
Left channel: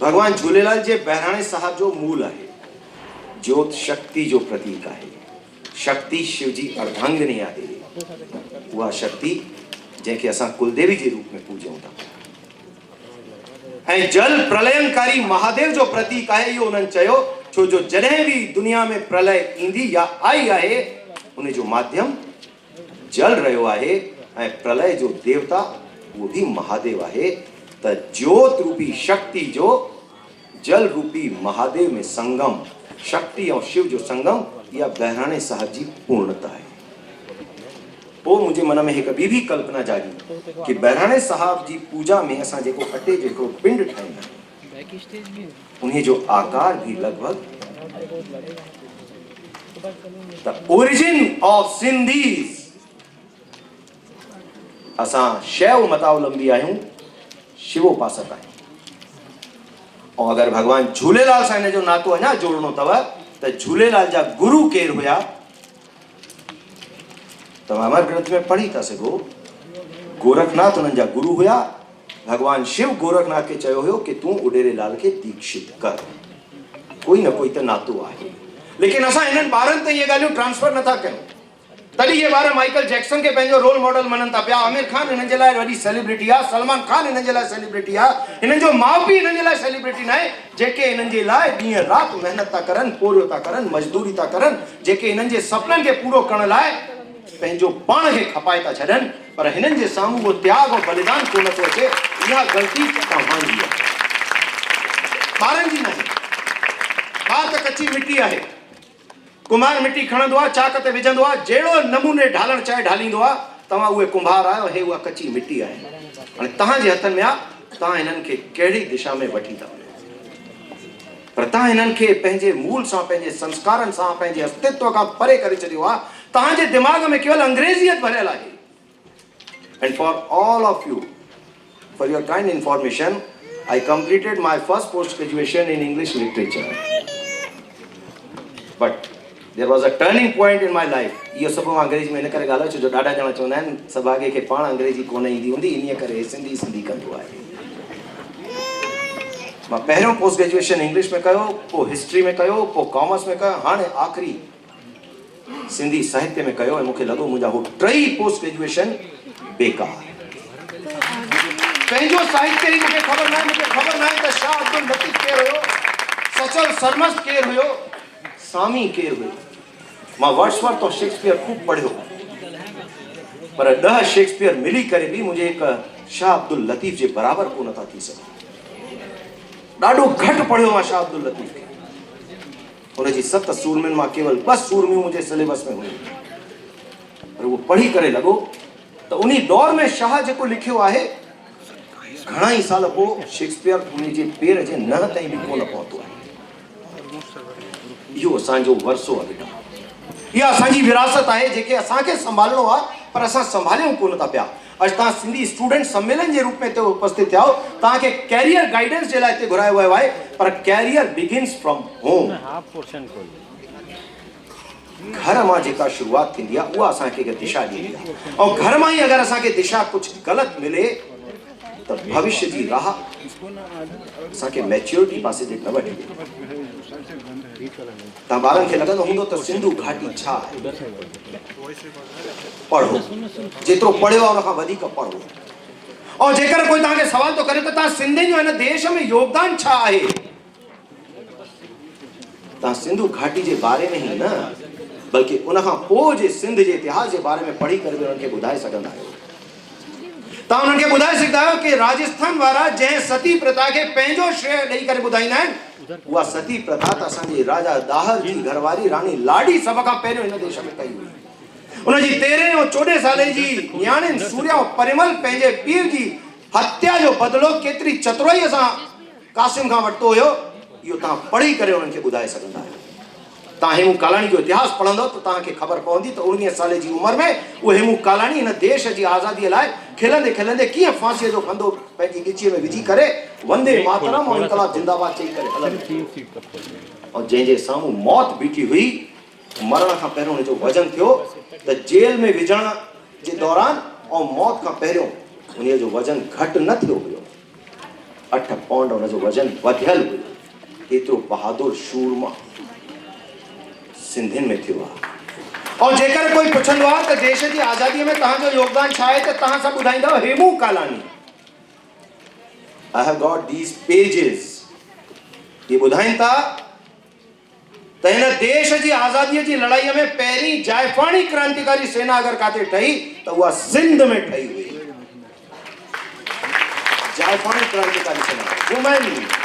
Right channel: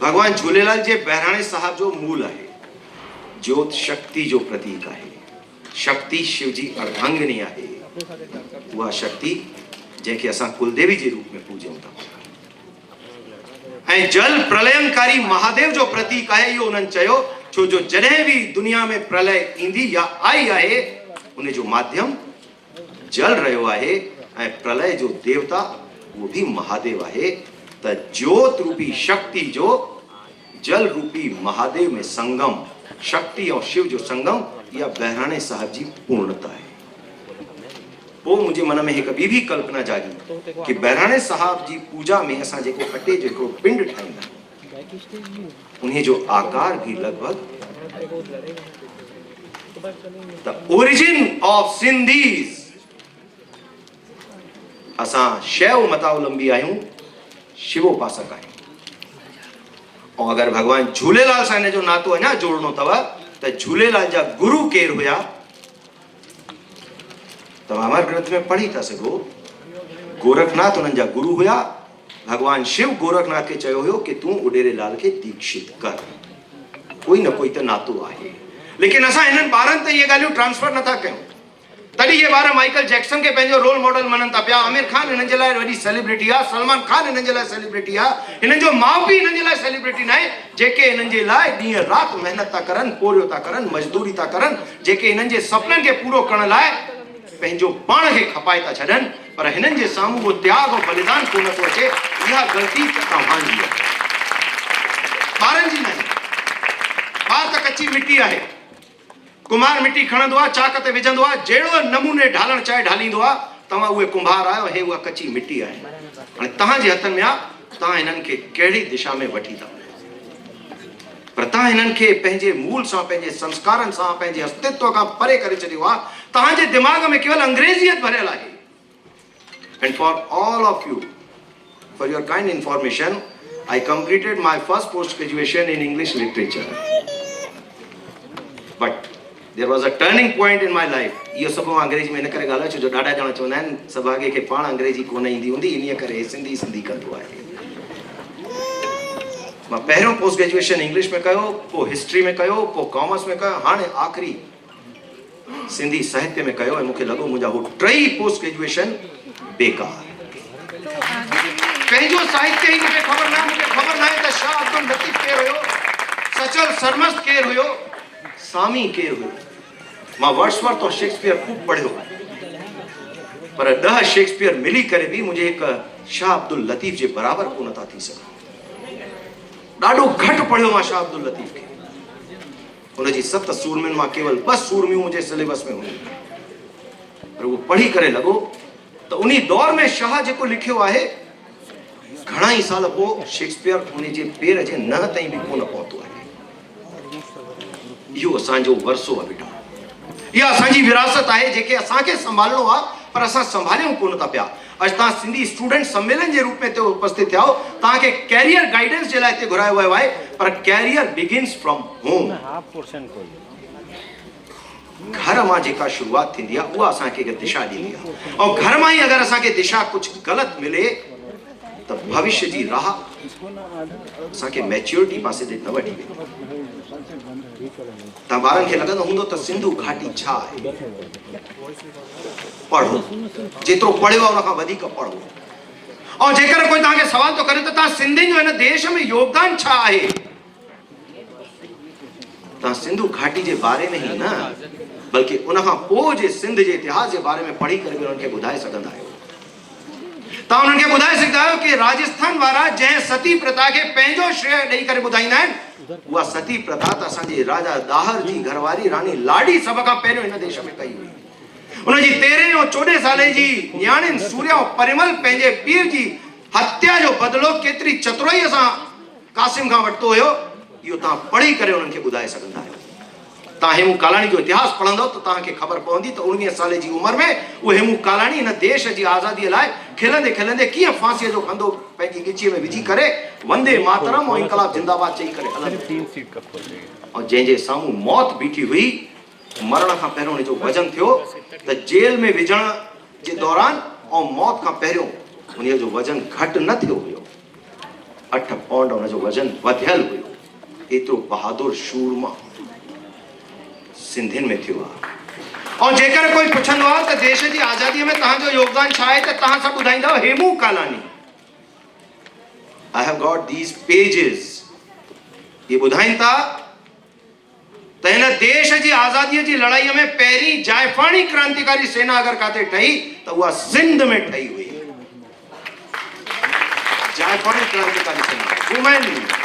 भगवान झूलेलाल जे बहिराणे साहब जो मूल आहे। ज्योत शक्ति जो प्रतीक आहे। शक्ति शिव जी अर्धांगिनी आहे। उहा शक्ति जंहिंखे असां कुलदेवी जे रूप में पूॼूं था। ऐं जल प्रलयनकारी महादेव जो प्रतीक आहे, इहो उन्हनि चयो, छो जो जॾहिं बि दुनिया में प्रलय ईंदी या आई आहे, उन जो माध्यम जल रहियो आहे। ऐं प्रलय जो देवता वो भी महादेव आहे। त ज्योत रूपी शक्ति जो जल रूपी महादेव में संगम, शक्ति और शिव जो संगम, यह बहिराणे साहब जी पूर्णता है। वो मुझे मन में एक भी कल्पना जागी कि बहिराणे साहब जी पूजा में असां जेको अटे जेको पिंड ठाहींदा उन्हें जो आकार भी लगभग द ओरिजिन ऑफ सिंधीज, असां शैव मतावलंबी आहियूं, शिवोपासक आहियूं। और अगर भगवान झूलेलाल सां इन जो नातो अञा जोड़नो अथव त झूलेलाल जा गुरु केर हुया? तव्हां अमर ग्रंथ में पढ़ी था सघो, गोरखनाथ उन्हनि जा गुरु हुया। भगवान शिव गोरखनाथ खे चयो हुयो कि तूं उडेरेलाल खे दीक्षित कर, कोई न कोई त नातो आहे। लेकिन असां हिननि ॿारनि ते इहे ॻाल्हियूं ट्रांसफर नथा कयूं। तॾहिं इहे ॿार माइकल जैक्सन खे पंहिंजो रोल मॉडल मञनि था पिया। आमिर खान हिननि जे लाइ वॾी सेलिब्रिटी आहे, सलमान खान हिननि जे लाइ सेलिब्रिटी आहे, हिननि जो माउ पीउ हिननि जे लाइ सेलिब्रिटी न आहे, जेके हिननि जे लाइ ॾींहं राति महिनत था करनि, पोरियो था करनि, मज़दूरी था करनि, जेके हिननि जे सुपननि खे पूरो करण लाइ पंहिंजो पाण खे खपाए था छॾनि, पर हिननि जे साम्हूं उहो त्याग ऐं बलिदान कोन थो अचे। इहा ग़लती तव्हांजी आहे, ॿारनि जी न आहे। ॿार त कची मिटी आहे, कुम्हार मिटी खणंदो आहे, चाक ते विझंदो आहे, जहिड़ो नमूने ढालण चाहे ढालींदो आहे। तव्हां उहे कुम्हार आहियो, हे उहा कची मिटी आहे। हाणे तव्हांजे हथनि में आहे, तव्हां हिननि खे कहिड़ी दिशा में वठी था। पर तव्हां हिननि खे पंहिंजे मूल सां, पंहिंजे संस्कारनि सां, पंहिंजे अस्तित्व खां परे करे छॾियो आहे। तव्हांजे दिमाग़ में केवल अंग्रेज़ियत भरियल आहे। And for all of you, for your kind information, I completed my first post graduation in English literature. But there was a turning point in my life. इहो सभु मां अंग्रेजी में इन करे ॻाल्हायो छो जो ॾाढा ॼणा चवंदा आहिनि सभागे खे पाण अंग्रेजी कोन ईंदी हूंदी, इन करे सिंधी सिंधी कंदो आहे। मां पहिरियों पोस्ट ग्रेजुएशन इंग्लिश में कयो, पोइ हिस्ट्री में कयो, पोइ कॉमर्स में कयो, हाणे आख़िरी सिंधी साहित्य में कयो। ऐं मूंखे लॻो मुंहिंजा हो टई पोस्ट ग्रेजुएशन बेकार। पंहिंजो साहित्य ई मूंखे ख़बर न आहे त शाह अब्दुल लतीफ़ केरु हुयो, सचल सरमस्त केरु हुयो, सामी केरु हुयो। मां वर्ड्सवर्थ और शेक्सपियर खूब पढ़ियो, पर 10 शेक्सपियर मिली करे बि मुंहिंजे हिकु शाह अब्दुल लतीफ़ जे बराबरि कोन था थी सघनि। ॾाढो घटि पढ़ियो मां शाह अब्दुल लतीफ़ खे। हुनजी 7 सूरमियुनि मां केवल 2 सूरमियूं मुंहिंजे सिलेबस में हुयूं, पर उहो पढ़ी करे लॻो त उन दौर में शाह जेको लिखियो आहे, घणा ई साल पोइ शेक्सपियर हुनजे पेर जे नह ताईं बि कोन पहुतो आहे। इहो असांजो वरसो आहे बेटा, इहा असांजी विरासत आहे जेके असांखे संभालणो आहे, पर असां संभालियूं कोन था पिया। अॼु तव्हां सिंधी स्टूडेंट सम्मेलन जे रूप में हिते उपस्थित थिया हो, तव्हांखे कैरियर गाइडेंस जे लाइ हिते घुरायो वियो आहे, पर कैरियर बिगिन्स फ्रॉम होम। घर मां जेका शुरुआत थींदी आहे उहा असांखे दिशा ॾींदी आहे, ऐं घर मां ई अगरि असांखे दिशा कुझु ग़लति मिले त भविष्य जी राह असांखे मैच्योरिटी पासे ते न वठी। तव्हां ॿारनि खे लॻंदो हूंदो त सिंधु घाटी छा आहे, पढ़ो, जेतिरो पढ़ियो आहे उनखां वधीक पढ़ो। ऐं जेकर कोई तव्हांखे सवाल थो करे त तव्हां सिंधियुनि जो हिन देश में योगदान छा आहे, तव्हां सिंधु घाटी जे बारे में ई न बल्कि उनखां पोइ जे सिंध जे इतिहास जे बारे में पढ़ी करे उन्हनि खे ॿुधाए सघंदा आहियो। तव्हां उन्हनि खे ॿुधाए सघंदा आहियो कि राजस्थान वारा जंहिं सती प्रथा खे पंहिंजो श्रेय ॾेई करे ॿुधाईंदा आहिनि, उहा सती प्रथा त असांजे राजा दाहर जी घरवारी रानी लाडी सभ खां पहिरियों हिन देश में कई हुई। उनजी 13 ऐं 14 साले जी न्याणियुनि सूर्या ऐं परिमल पंहिंजे पीउ जी हत्या जो बदिलो केतिरी चतुराईअ सां कासिम खां वरितो हुयो, इहो तव्हां पढ़ी करे उन्हनि खे ॿुधाए सघंदा आहियो। तव्हां हेमू कालाणी जो इतिहास पढ़ंदो त तव्हांखे ख़बर पवंदी त 19 साले जी उमिरि में उहो हेमू कालाणी हिन देश जी आज़ादीअ लाइ खिलंदे खिलंदे कीअं फांसीअ जो खंधो पंहिंजी गिचीअ में विझी करे वंदे मातरम ऐं इनकलाब जिंदाबाद चई करे हलंदो। ऐं जंहिंजे साम्हूं मौत बीठी हुई, मरण खां पहिरियों हुनजो वज़न थियो त जेल में विझण जे दौरान ऐं मौत खां पहिरियों हुनजो वज़न घटि न थियो हुयो, 8 पाउंड हुनजो वज़न वधियल हुयो। एतिरो बहादुर शूरमा सिंधियुनि में थियो आहे। और जेकर कोई पुछंदो आहे त देश जी आज़ादीअ में तव्हांजो योगदान छा आहे, त तव्हां सभु ॿुधाईंदव Hemu Kalani. I have got these pages। ये ॿुधाइनि था त हिन देश जी आज़ादीअ जी लड़ाईअ में पहिरीं जाइफ़ाणी क्रांतिकारी सेना अगरि काथे ठही त उहा सिंध में ठही हुई। जाइफ़ाणी क्रांतिकारी सेना वुमेन।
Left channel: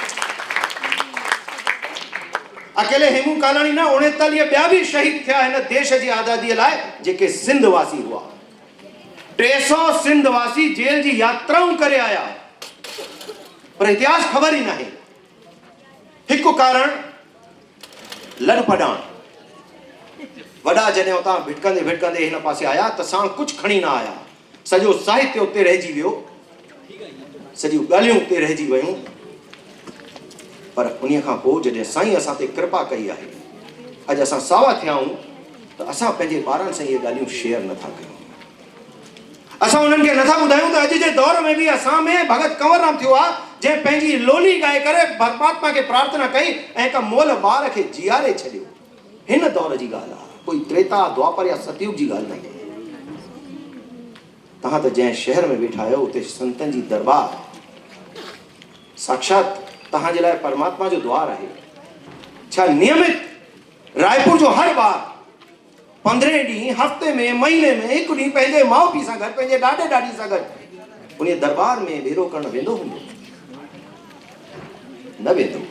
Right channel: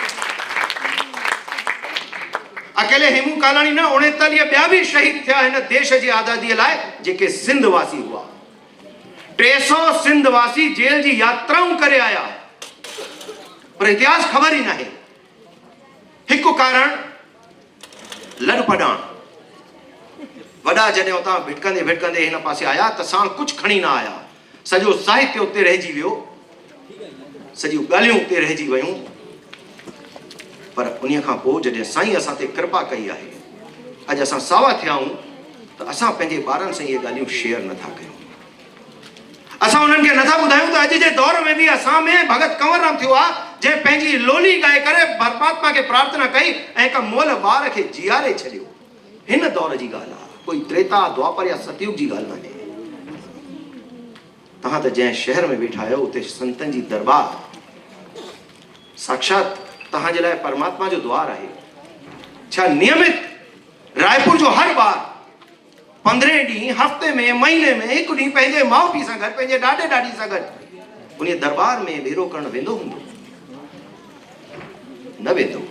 अकेले हेमू कालाणी न, 39 ॿिया बि शहीद थिया हिन देश जी आज़ादीअ लाइ जेके सिंध वासी हुआ। 300 सिंध वासी जेल जी यात्राऊं करे आया, पर इतिहास ख़बर ई न आहे। हिकु कारण लड़पड़ाण। वॾा जॾहिं उतां भिटकंदे भिटकंदे हिन पासे आया त साण कुझु खणी न आया। सॼो साहित्य उते रहिजी वियो, सॼियूं ॻाल्हियूं उते रहिजी वियूं। पर उन खां पोइ जॾहिं साईं असां ते कृपा कई आहे, अॼु असां सावा थिया आहियूं त असां पंहिंजे ॿारनि सां इहे ॻाल्हियूं शेयर नथा कयूं। असां उन्हनि खे नथा ॿुधायूं त अॼु जे दौर में बि असां में भगत कंवरराम थियो आहे जंहिं पंहिंजी लोली ॻाए करे परमात्मा खे प्रार्थना कई ऐं हिक मुअल ॿार खे जीआरे छॾियो। हिन दौर जी ॻाल्हि आहे, कोई त्रेता द्वापर या सतयुग जी ॻाल्हि न आहे। तव्हां त जंहिं शहर में वेठा आहियो उते संतनि जी दरबार साक्षात तव्हांजे लाइ परमात्मा जो द्वार आहे। छा नियमित रायपुर जो हर ॿार 15 ॾींहं हफ़्ते में महीने में हिकु ॾींहुं पंहिंजे माउ पीउ सां गॾु पंहिंजे ॾाॾे ॾाॾी सां गॾु उन दरबार में भेरो करणु वेंदो हूंदो? न वेंदो।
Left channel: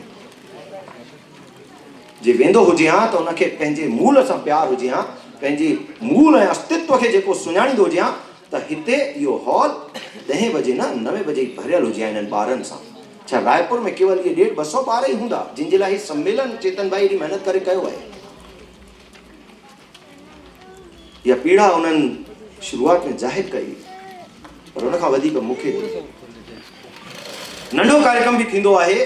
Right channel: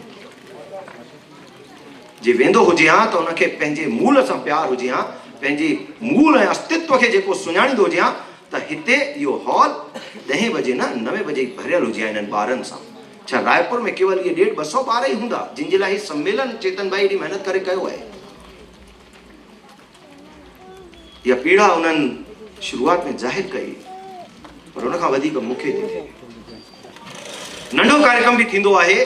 जे वेंदो हुजे हा त उनखे पंहिंजे मूल सां प्यार हुजे हा, पंहिंजे मूल ऐं अस्तित्व खे जेको सुञाणींदो हुजे हा त हिते इहो हॉल 10 बजे न 9 बजे भरियल हुजे हा हिननि ॿारनि सां। छा रायपुर में केवल इहे 150-200 ॿार ई हूंदा जिन जे लाइ सम्मेलन चेतन भाई एॾी महिनत करे कयो आहे? इहा पीड़ा उन्हनि शुरूआत में ज़ाहिर कई, पर उन खां वधीक मूंखे नंढो कार्यक्रम बि थींदो आहे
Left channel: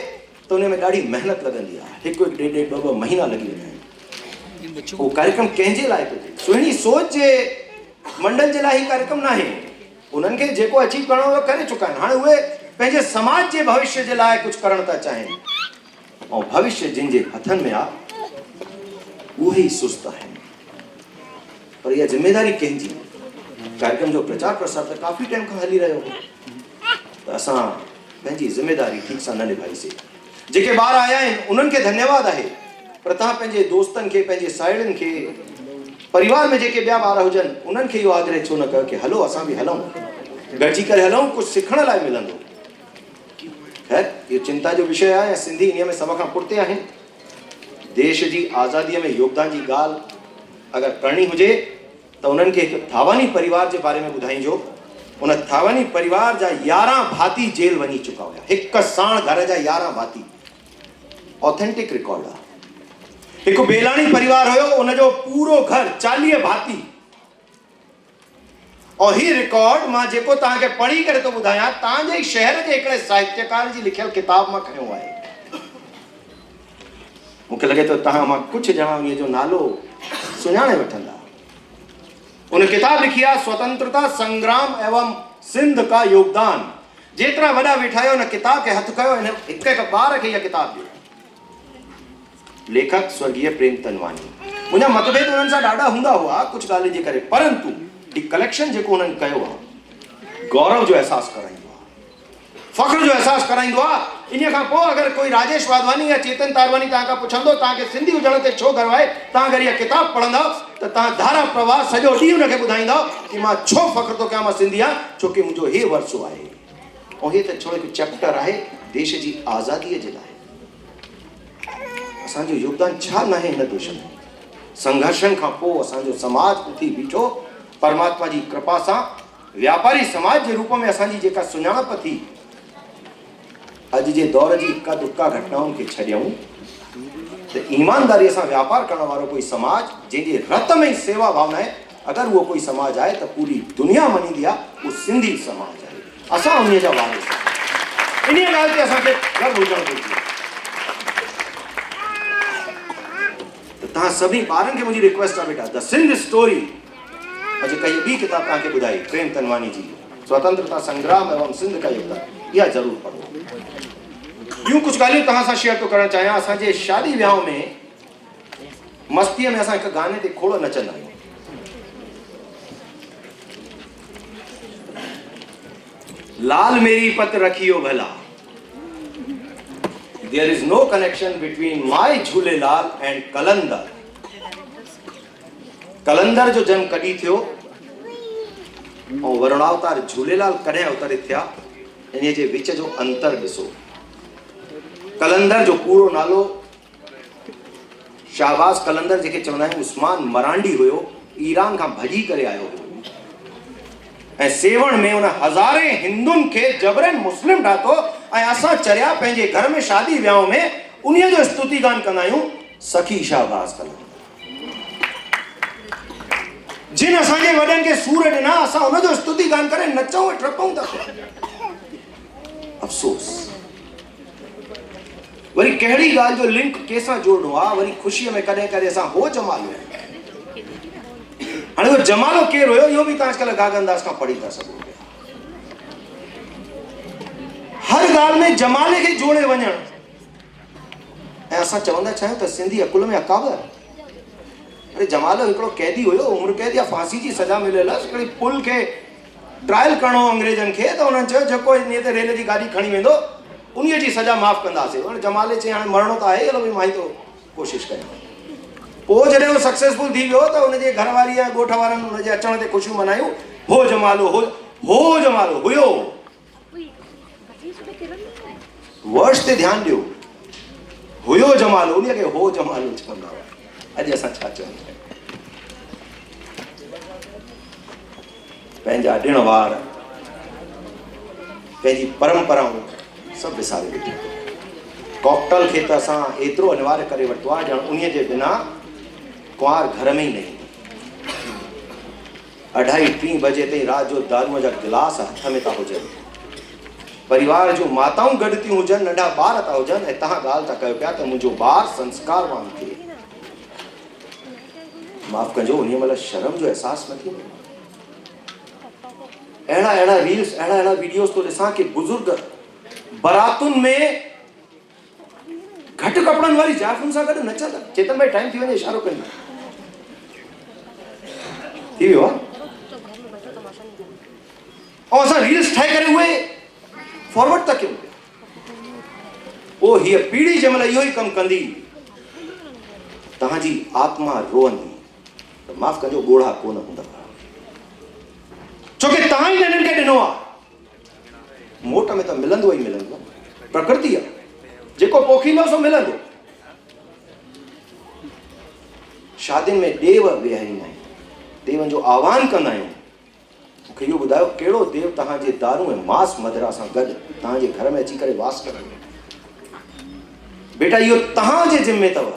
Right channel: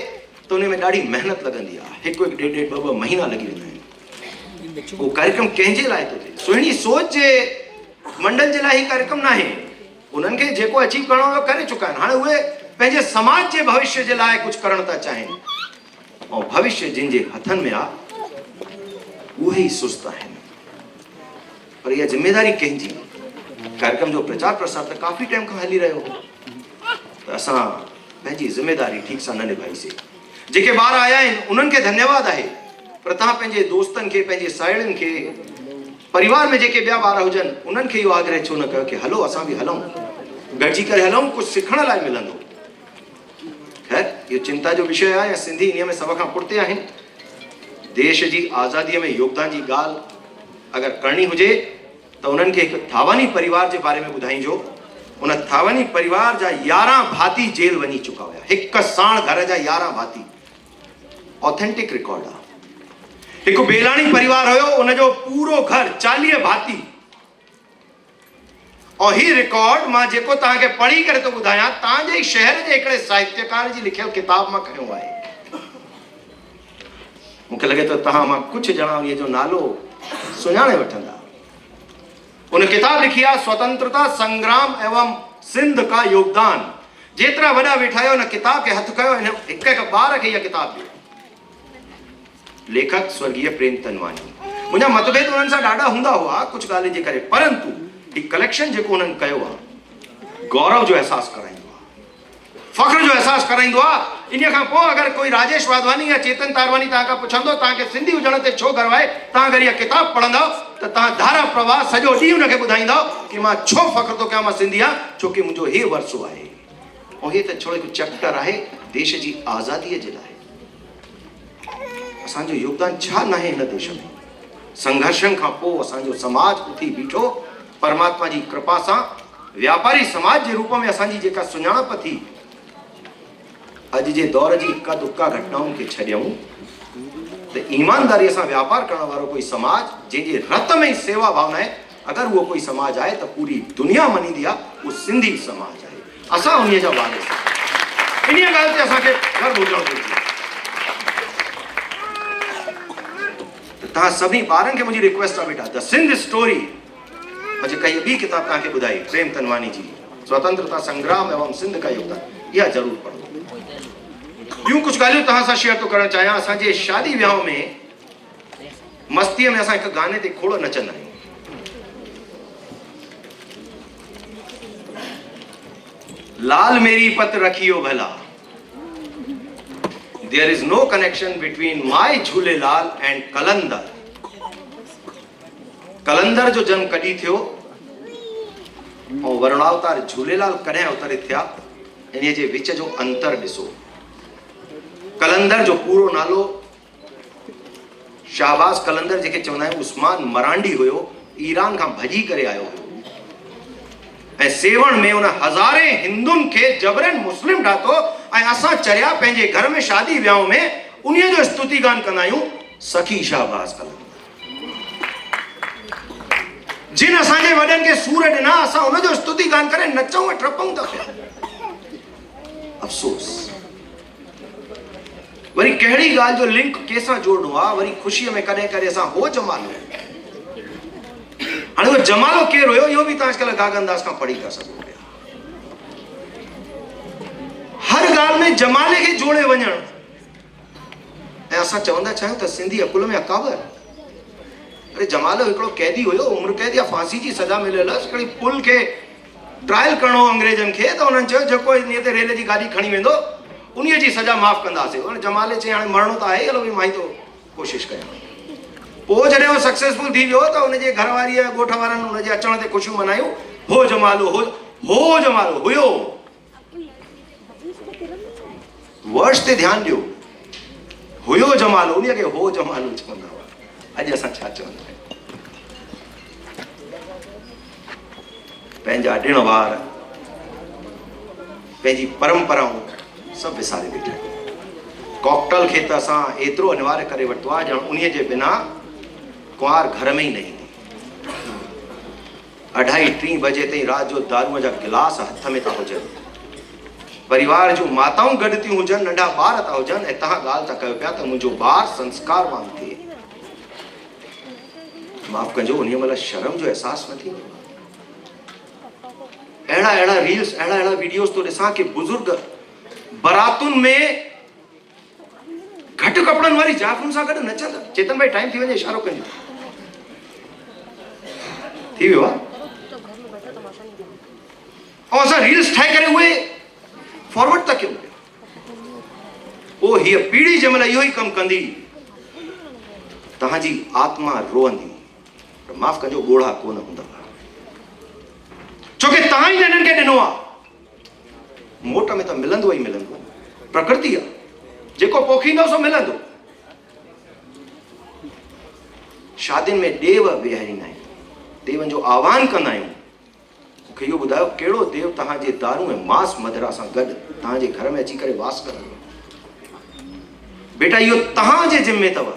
त उन में ॾाढी महिनत लॻंदी आहे। हिकु 1.5-2 महीना लॻी वेंदा आहिनि। उहो कार्यक्रम कंहिंजे लाइ थो थिए? सुहिणी सोच जे मंडल जे लाइ ही कार्यक्रम न आहे। उन्हनि खे जेको अचीव करणो हो करे चुका आहिनि। हाणे उहे पंहिंजे समाज जे भविष्य जे लाइ कुझु करणु था चाहिनि ऐं भविष्य जिन जे हथनि में आहे उहे ई सुस्त आहिनि। पर इहा ज़िमेदारी कंहिंजी? कार्यक्रम जो प्रचार प्रसार त काफ़ी टाइम खां हली रहियो हो, त असां पंहिंजी ज़िमेदारी ठीक सां न निभाईसीं। जेके ॿार आया आहिनि उन्हनि खे धन्यवाद आहे, पर तव्हां पंहिंजे दोस्तनि खे, पंहिंजे साहेड़ियुनि खे, परिवार में जेके ॿिया ॿार हुजनि उन्हनि खे इहो आग्रह छो न कयो कि हलो असां बि हलूं, गॾिजी करे हलूं, कुझु सिखण लाइ मिलंदो। खैर, इहो चिंता जो विषय आहे या सिंधी इन में सभ खां पुठिते आहिनि। देश जी आज़ादीअ में योगदान जी ॻाल्हि अगरि करणी हुजे त उन्हनि खे हिकु थावानी परिवार जे बारे में ॿुधाइजो। उन थावानी परिवार जा 11 भाती जेल वञी चुका हुआ। हिकु साण घर जा 11 भाती, ऑथेंटिक रिकॉर्ड आहे। हिकु बेलाणी परिवार हुयो, उनजो पूरो घर 40 भाती। और ही रिकॉर्ड मां जेको तव्हांखे पढ़ी करे थो ॿुधायां तव्हांजे ई शहर जे हिकिड़े साहित्यकार जी लिखियल किताब मां खयो आहे। मूंखे लॻे थो तव्हां मां कुझु ॼणा उन जो नालो सुञाणे वठंदा। उन किताब लिखी आहे स्वतंत्रता संग्राम एवं सिंध का योगदान। जेतिरा वॾा वेठा आहियो, हिन किताब खे हथु कयो, हिन हिकु ॿार खे इहा किताब ॾियो। लेखक स्वर्गीय प्रेम तनवानी। मुंहिंजा मतभेद उन्हनि सां ॾाढा हूंदा हुआ कुझु ॻाल्हियुनि जे करे, परंतु ही कलेक्शन जेको उन्हनि कयो आहे गौरव जो अहसासु कराईंदो आहे, फ़ख्र जो अहसासु कराईंदो आहे। इन खां पोइ अगरि कोई राजेश वाधवानी या चेतन तारवानी तव्हां खां पुछंदो तव्हांखे सिंधी हुजण ते छो गर्व आहे, तव्हां अगरि इहा किताब पढ़ंदव त तव्हां धारा प्रवाह सॼो ॾींहुं हुनखे ॿुधाईंदव कि मां छो फ़ख्र थो कयां मां सिंधी आहियां, छो कि मुंहिंजो हे वरसो आहे। ऐं हे त छो हिकु चैप्टर आहे देश जी आज़ादीअ जे लाइ। असांजो योगदान छा न आहे हिन देश में? संघर्षनि खां पोइ असांजो समाज उथी बीठो, परमात्मा जी कृपा सां व्यापारी समाज जे रूप में असांजी जेका सुञाणप थी, अॼु जे दौर जी इक्का दुक्का घटनाउनि खे छॾियऊं त ईमानदारीअ सां व्यापार करण वारो कोई समाज जंहिंजे रत में सेवा भावना आहे, अगरि उहो कोई समाज आहे त पूरी दुनिया मञींदी आहे, उहो सिंधी समाज आहे। असां उन जा वारिस आहियूं। इन ॻाल्हि ते असांखे गर्व हुजणु घुरिजे। तव्हां सभी ॿारनि खे मुंहिंजी रिक्वेस्ट आहे बेटा, द सिंध स्टोरी अॼु कई ॿी किताब तव्हांखे ॿुधाई प्रेम तनवानी जी, स्वतंत्रता संग्राम एवं सिंध का योगदान, इहा ज़रूरु पढ़ो। ॿियूं कुझु ॻाल्हियूं तव्हां सां शेयर थो करणु चाहियां। असांजे शादी वियांव में मस्तीअ में असां हिकु गाने ते खोड़ नचंदा आहियूं। लाल मेरी पत रखियो भला, there is no connection between my Jhulelal and कलंदर। कलंदर जो जन्म कॾहिं थियो ऐं वर्णावतार झूलेलाल कॾहिं अवतरित थिया, इन जे विच जो अंतर ॾिसो। कलंदर जो पूरो नालो शाहबाज कलंदर जेके चवंदा आहियूं उस्मान मरांडी हुयो, ईरान खां भॼी करे आयो हुयो ऐं सेवण में उन हज़ारे हिंदुनि खे जबरन मुस्लिम ठातो ऐं असां चरिया पंहिंजे घर में शादी वियांव में उन्हीअ जो स्तुति गान कंदा आहियूं, सखी शाहबाज कलंदर। जिन असांजे वॾनि खे सूर ॾिना असां उनजो स्तुति गान करे नचूं ऐं टपूं था। अफ़सोस वरी कहिड़ी ॻाल्हि जो लिंक कंहिंसां जोड़णो आहे, वरी ख़ुशीअ में कॾहिं कॾहिं असां हो जमाल हाणे उहो जमालो केरु हुयो इहो बि तव्हां अॼुकल्ह गागनदास खां पढ़ी था सघो पिया। हर ॻाल्हि में जमाले खे जोड़े वञणु। ऐं असां चवंदा छा आहियूं त सिंधी अकुल में अकाबर। अरे जमालो हिकिड़ो कैदी हुयो, उम्र कैद या फांसी जी सज़ा मिलियल आहे। हिकिड़ी पुल खे ट्रायल करणो अंग्रेजनि खे, त उन्हनि चयो जेको इन ते रेल जी गाॾी खणी वेंदो उन्हीअ जी सज़ा माफ़ कंदासीं। हाणे जमाले चई हाणे मरणो त आहे, हलो भई मां ई थो कोशिशि कयां। पोइ जॾहिं उहो सक्सेसफुल थी वियो त हुनजे घरवारी ऐं ॻोठ वारनि हुनजे अचण ते ख़ुशियूं मनायूं। हो जमालो हो जमालो हुयो। वर्ड्स ते ध्यानु ॾियो। हुयो जमालो, उन खे हो जमालो चवंदा हुआ। अॼु असां छा चवंदा आहियूं? पंहिंजा ॾिण वार, पंहिंजी परंपराऊं सभु विसारे वेठा। कॉकटेल खे त असां एतिरो अनिवार्य करे वरितो आहे ॼण उन्हीअ जे बिना कुंवार घर में ई न ईंदो। 2:30-3 बजे ताईं राति जो दारूअ जा गिलास हथ में था हुजनि। परिवार जो माताऊं गॾु थियूं हुजनि, नंढा ॿार था हुजनि, ऐं तव्हां ॻाल्हि था कयो पिया त मुंहिंजो ॿारु संस्कारवान थिए। माफ़ कजो, उन महिल शर्म जो अहसासु न थींदो। अहिड़ा रील्स, अहिड़ा वीडियोस तो ॾिसां कि बुज़ुर्ग बारातुनि में घटि कपिड़नि वारी जाइफ़ुनि सां गॾु नचंदा। चेतन भाई टाइम थी वञे, इशारो कंदा थी वियो आहे। ऐं असां रील्स ठाहे करे उहे फॉरवर्ड था कयूं। पोइ हीअ पीढ़ी जंहिंमहिल इहो ई कमु कंदी, तव्हांजी आत्मा रोअंदी त माफ़ कजो ॻोढ़ा कोन हूंदा, छोकी तव्हां ई हिननि खे ॾिनो आहे। मोट में त मिलंदो ई मिलंदो, प्रकृति आहे, जेको पोखींदो सो मिलंदो। शादियुनि में देव विहारींदा आहियूं, देवनि जो आह्वान कंदा आहियूं। मूंखे इहो ॿुधायो कहिड़ो देव तव्हांजे दारू ऐं मांस मदिरा सां गॾु तव्हांजे घर में अची करे वास कंदो? बेटा इहो तव्हांजे ज़िम्मे अथव।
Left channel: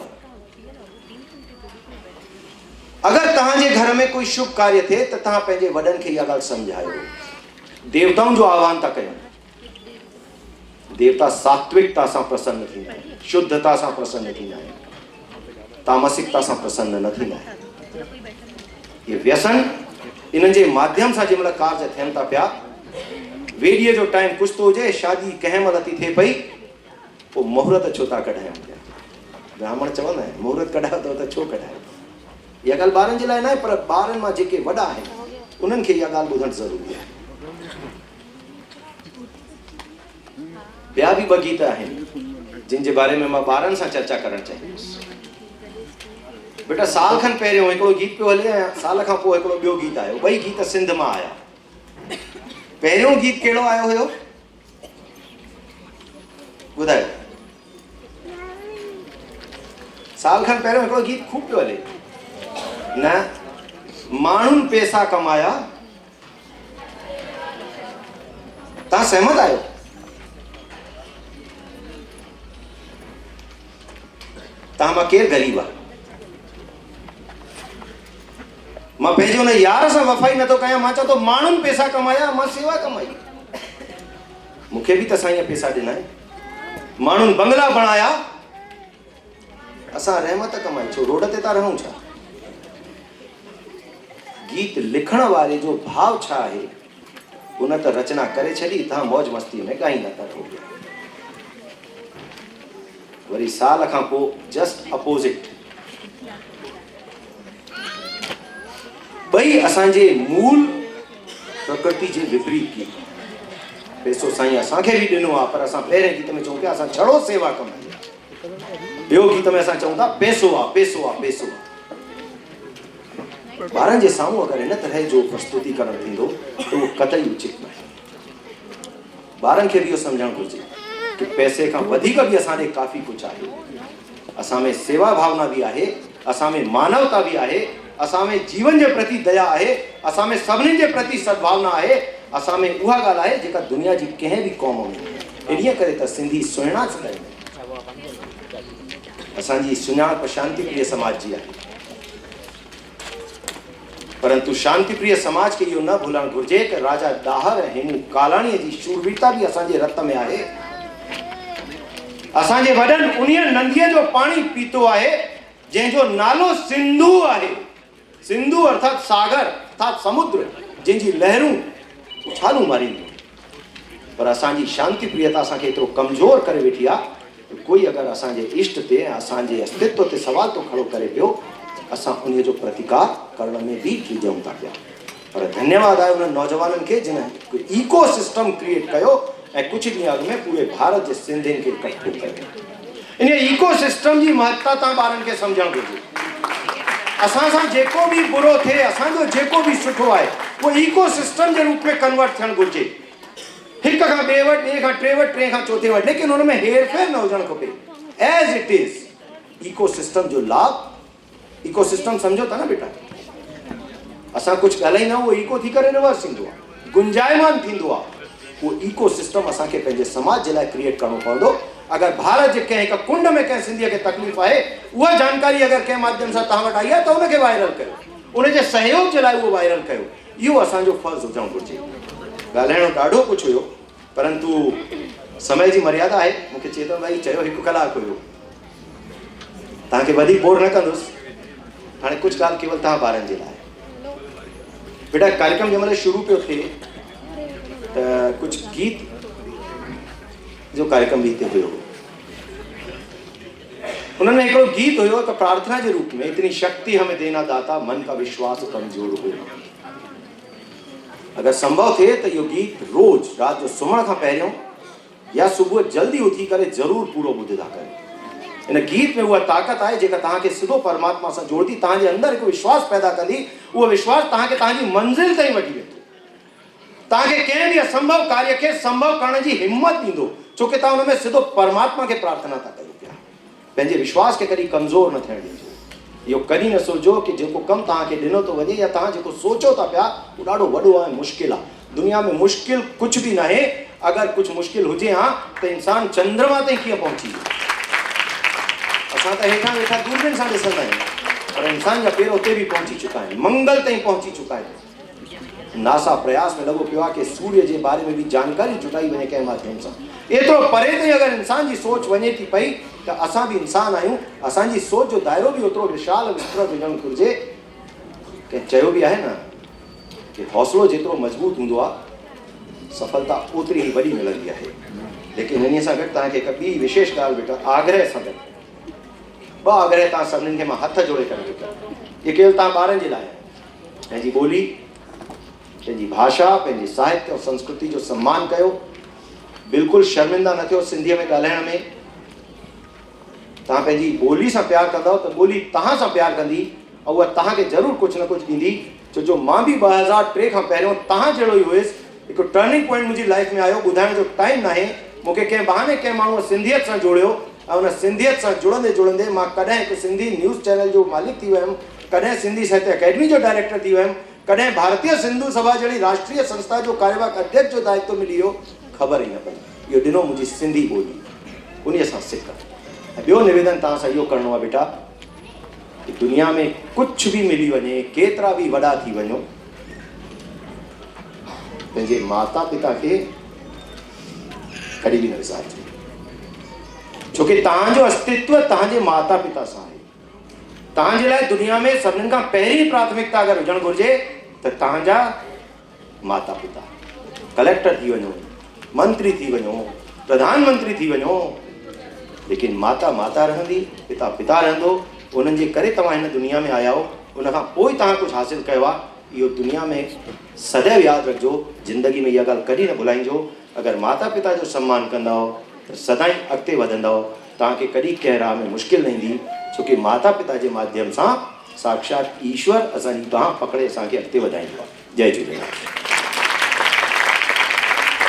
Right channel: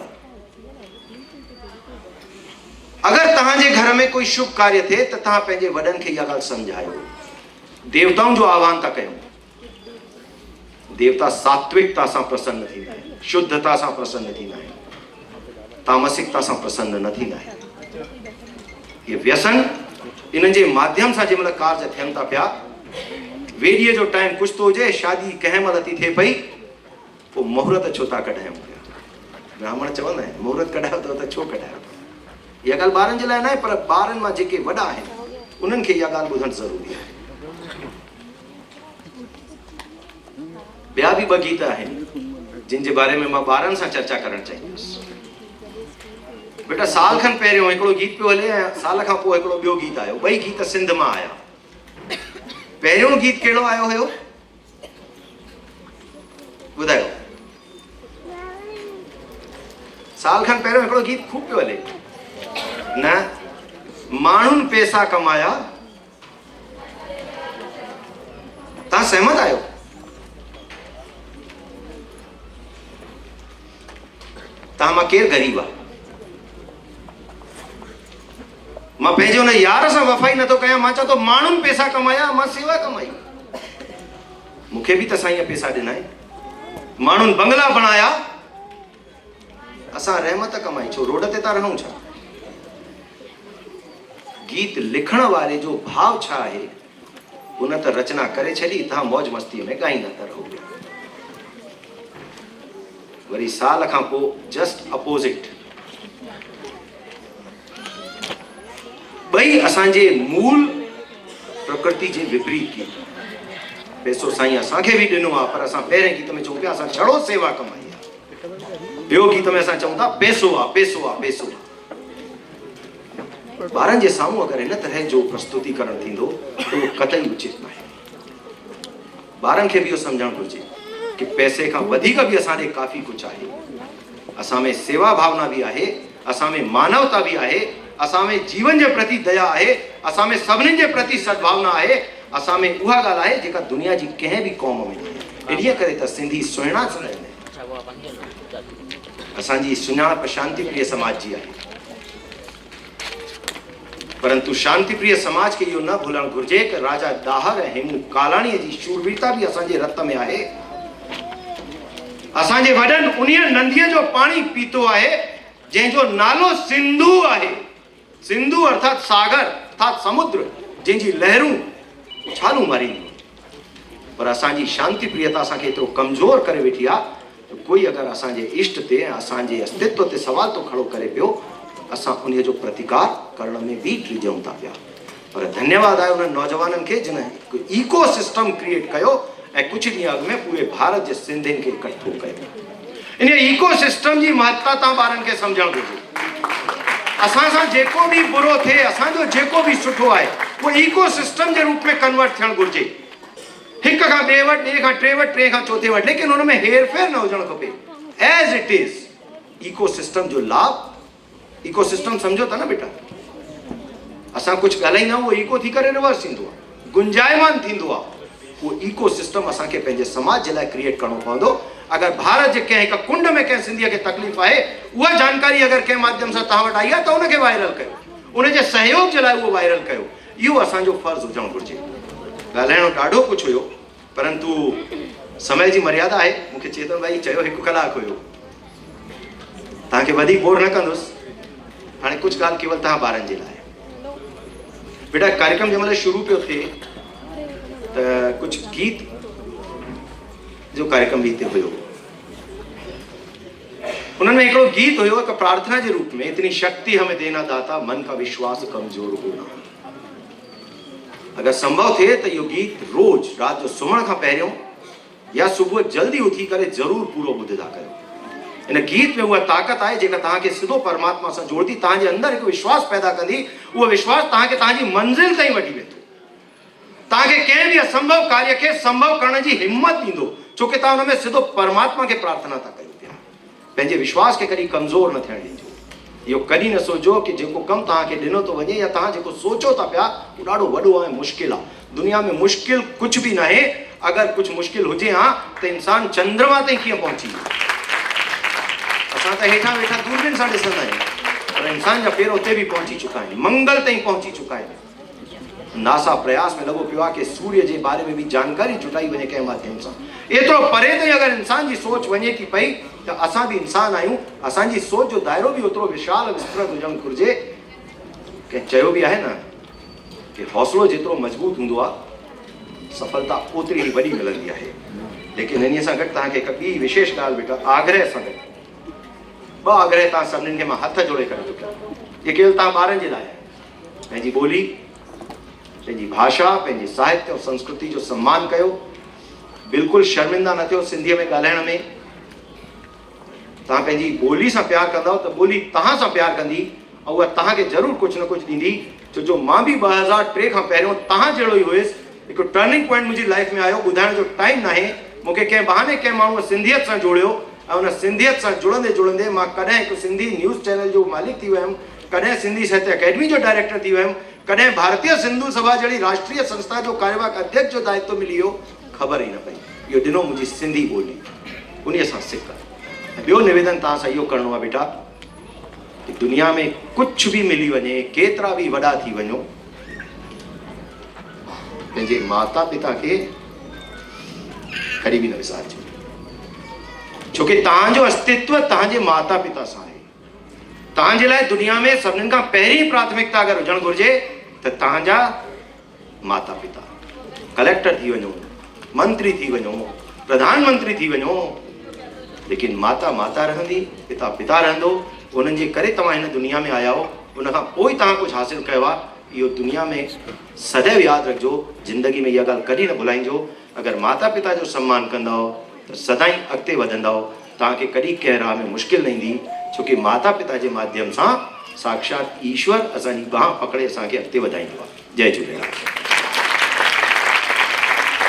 अगरि तव्हांजे घर में कोई शुभ कार्य थिए त तव्हां पंहिंजे वॾनि खे इहा ॻाल्हि सम्झायो। देवताउनि जो आह्वान था कयूं। देवता सात्विकता सां प्रसन्न थींदा आहिनि, शुद्धता सां प्रसन्न थींदा आहिनि, तामसिकता सां प्रसन्न न थींदा आहिनि। ये व्यसन इन जे माध्यम सां जंहिंमहिल कार्य थियनि था पिया, वेॾीअ जो टाइम कुझु थो हुजे, शादी कंहिं महिल थी थिए पई, पोइ मुहूर्त छो था कढायूं? ब्राह्मण चवंदा आहिनि मुहूर्त कढायो त छो कढायो? इहा ॻाल्हि ॿारनि जे लाइ न आहे, पर ॿारनि मां जेके वॾा आहिनि उन्हनि खे इहा ॻाल्हि ॿुधणु ज़रूरी आहे। ॿिया बि ॿ गीत आहिनि जिन जे बारे में मां ॿारनि सां चर्चा करणु चाहींदुसि। बेटा साल खनि पहिरियों हिकिड़ो गीत पियो हले ऐं साल खां पोइ हिकिड़ो ॿियो गीत आयो। ॿई गीत सिंध मां आया। पहिरियों गीत कहिड़ो आयो हुयो ॿुधायो? साल खनि पहिरियों हिकिड़ो गीत खूब पियो हले, न माण्हुनि पैसा कमाया। तव्हां सहमत आहियो? तव्हां मां केरु ग़रीब आहे? मां पंहिंजे हुन यार सां वफ़ाई नथो कयां, मां चवां थो माण्हुनि पैसा कमाया, मां सेवा कमाई। मूंखे बि त साईं पैसा ॾिना आहिनि। माण्हुनि बंगला बणाया, असां रहमत कमाई। छो रोड ते था रहूं छा? गीत लिखण वारे जो भाव छा आहे उन त रचना करे छॾी, तव्हां मौज मस्ती में ॻाईंदा था रहो। वरी साल खां पोइ जस्ट अपोजिट। ॿई असांजे मूल प्रकृति जे विपरीत गीत। पैसो साईं असांखे बि ॾिनो आहे, पर असां पहिरें गीत में चऊं पिया असां छड़ो सेवा कमाई। ॿियो गीत में असां चऊं था पैसो आहे, पैसो आहे, पैसो आहे। ॿारनि जे साम्हूं अगरि हिन तरह जो प्रस्तुतिकरण थींदो त उहो कतई उचित न आहे। ॿारनि खे बि इहो सम्झणु घुरिजे कि पैसे खां वधीक बि असां ॾे काफ़ी कुझु आहे। असां में सेवा भावना बि आहे, असां में मानवता बि आहे, असां में जीवन जे प्रति दया आहे, असां में सभिनी जे प्रति सद्भावना आहे, असां में उहा ॻाल्हि आहे जेका दुनिया जी कंहिं बि क़ौम में। इन्हीअ करे त सिंधी सुहिणा सुञाणींदा आहिनि। असांजी सुञाणप शांति प्रिय समाज जी आहे, परंतु शांति प्रिय समाज खे इहो न भुलणु घुरिजे त राजा दाहर ऐं हेमू कालाणीअ जी शूरवीरता बि असांजे रत में आहे। असांजे वॾनि उन्हीअ नंदीअ जो पाणी पीतो आहे जंहिंजो नालो सिंधु आहे। सिंधु अर्थात सागर अर्थात समुद्र जंहिंजी लहरूं उछालूं मारींदियूं, पर असांजी शांति प्रियता असांखे एतिरो कमज़ोर करे वेठी आहे, कोई अगरि असांजे इष्ट ते ऐं असांजे अस्तित्व ते सवाल थो खड़ो करे पियो, असां उन जो प्रतिकार करण में भी टीजूं था पिया। पर धन्यवाद आहे उन नौजवाननि खे जिन इको सिस्टम क्रिएट कयो ऐं कुझु ॾींहं अॻु में पूरे भारत जे सिंधियुनि खे इकट्ठो कयो। इन इको सिस्टम जी महत्ता तव्हां ॿारनि खे सम्झणु घुरिजे। असां सां जेको बि बुरो थिए, असांजो जेको बि सुठो आहे, उहो इको सिस्टम जे रूप में कन्वर्ट थियणु घुरिजे, हिक खां ॿिए वटि, ॿिए खां टे वटि, टे खां चौथे वटि, लेकिन हुन में हेर फेर न हुजणु खपे। As it is ecosystem जो लाभ, इको सिस्टम सम्झो था न बेटा, असां कुझु ॻाल्हाईंदा आहियूं, उहो इको थी करे रिवर्स थींदो आहे, गुंजायमान थींदो आहे। उहो इको सिस्टम असांखे पंहिंजे समाज जे लाइ क्रिएट करणो पवंदो। अगरि भारत जे कंहिं हिकु कुंड में कंहिं सिंधीअ खे तकलीफ़ आहे, उहा जानकारी अगरि कंहिं माध्यम सां तव्हां वटि आई आहे त उनखे वायरल कयो, उनजे सहयोग जे लाइ उहो वायरल कयो। इहो असांजो फर्ज़ु हुजणु घुरिजे। ॻाल्हाइणो ॾाढो कुझु हुयो, परंतु समय जी मर्यादा आहे। मूंखे चेतन भाई चयो 1 कलाक हुयो, तव्हांखे वधीक बोर न कंदुसि। हाणे कुझु ॻाल्हि केवल तव्हां ॿारनि जे लाइ। बेटा कार्यक्रम जंहिं महिल शुरू पियो थिए त कुझु गीत जो कार्यक्रम भी हिते हुयो, उन्होंने हिकिड़ो गीत हुयो हिकु प्रार्थना जे रूप में, इतनी शक्ति हमें देना दाता, मन का विश्वास कमजोर हुयो। अगर संभव थिए त इहो गीत रोज रात जो सुम्हण खां पहिरियों या सुबुह जल्दी उथी करे ज़रूर पूरो ॿुधंदा कयो। इन गीत में उहा ताक़त आहे जेका तव्हांखे सिधो परमात्मा सां जोड़दी, तव्हांजे अंदरि हिकु विश्वास पैदा कंदी। उहो विश्वास तव्हांखे तव्हांजी मंज़िल ताईं वठी वेंदो, तव्हांखे कंहिं बि असंभव कार्य खे संभव करण जी हिम्मत ॾींदो, छोकी तव्हां हुन में सिधो परमात्मा खे प्रार्थना था कयो पिया। पंहिंजे विश्वास खे कॾहिं कमज़ोर न थियणु ॾिजो। इहो कॾहिं न सोचो कि जेको कमु तव्हांखे ॾिनो थो वञे या तव्हां जेको सोचो था पिया उहो ॾाढो वॾो आहे, मुश्किल आहे। दुनिया में मुश्किल कुझु बि न आहे। अगरि कुझु मुश्किल हुजे हा त इंसान चंद्रमा ताईं कीअं पहुची वियो। असां त हेठां वेठा दूरबीन सां ॾिसंदा आहियूं, पर इंसान जा पेर उते बि पहुची चुका आहिनि, मंगल ताईं पहुची चुका आहिनि। नासा प्रयास में लॻो पियो आहे कि सूर्य जे बारे में बि जानकारी जुटाई वञे कंहिं माध्यम सां। एतिरो परे ताईं अगरि इंसान जी सोच वञे थी पई त असां बि इंसान आहियूं, असांजी सोच जो दाइरो बि ओतिरो विशाल विस्तृत हुजणु घुरिजे। कंहिं चयो बि आहे न कि हौसलो जेतिरो मज़बूत हूंदो आहे सफलता ओतिरी ई वॾी मिलंदी आहे। लेकिन इन सां गॾु तव्हांखे हिकु ॿी विशेष ॻाल्हि बेटा, आग्रह सां गॾु ॿ आग्रह तव्हां सभिनीनि खे मां हथ जोड़े करे थो कयां। इहे केवल तव्हां ॿारनि जे लाइ आहे। पंहिंजी ॿोली, पंहिंजी भाषा, पंहिंजे साहित्य और संस्कृति जो सम्मान कयो। बिल्कुलु शर्मिंदा न थियो सिंधीअ में ॻाल्हाइण में। तव्हां पंहिंजी ॿोली सां प्यार कंदव त ॿोली तव्हां सां प्यार कंदी ऐं उहा तव्हांखे ज़रूरु कुझु न कुझु ॾींदी। छो जो मां बि 2003 खां पहिरियों तव्हां जहिड़ो ई हुयुसि। हिकु टर्निंग पॉइंट मुंहिंजी लाइफ में आयो, ॿुधाइण जो टाइम न आहे। मूंखे कंहिं बहाने कंहिं माण्हूअ सिंधियत सां जोड़ियो ऐं उन सिंधियत सां जुड़ंदे जुड़ंदे मां कॾहिं हिकु सिंधी न्यूज़ चैनल जो मालिक थी वियुमि, कॾहिं सिंधी साहित्य अकेडमी जो डायरेक्टर थी वियुमि, कॾहिं भारतीय सिंधु सभा जहिड़ी राष्ट्रीय संस्था जो कार्यवाहक अध्यक्ष जो दायित्व मिली वियो। ख़बर ई न पई। इहो ॾिनो मुंहिंजी सिंधी ॿोली, उन सां सिक। ॿियो निवेदन तव्हां सां इहो करिणो आहे बेटा कि दुनिया में कुझु बि मिली वञे, केतिरा बि वॾा थी वञो, पंहिंजे माता पिता खे कॾहिं बि न विसारिजो। छोकी तव्हांजो अस्तित्व तव्हांजे माता पिता सां आहे। तव्हांजे लाइ दुनिया में सभिनीनि खां पहिरीं प्राथमिकता अगरि हुजणु घुरिजे त तव्हांजा माता पिता। कलेक्टर थी वञो, मंत्री थी वञो, प्रधानमंत्री थी वञो, लेकिन माता माता रहंदी, पिता पिता रहंदो। उन्हनि जे करे तव्हां हिन दुनिया में आया हो, उन खां पोइ तव्हां कुझु हासिलु कयो आहे। इहो दुनिया में सदैव यादि रखिजो, ज़िंदगी में इहा ॻाल्हि कॾहिं न भुलाइजो। अगरि माता पिता जो सम्मान कंदा त सदाईं अॻिते वधंदा। तव्हांखे कॾहिं कंहिं राह में मुश्किल न ईंदी, छोकी माता पिता जे माध्यम सां साक्षात ईश्वर असांजी बांह पकड़े असांखे अॻिते वधाईंदो आहे। जय झूलेलाल।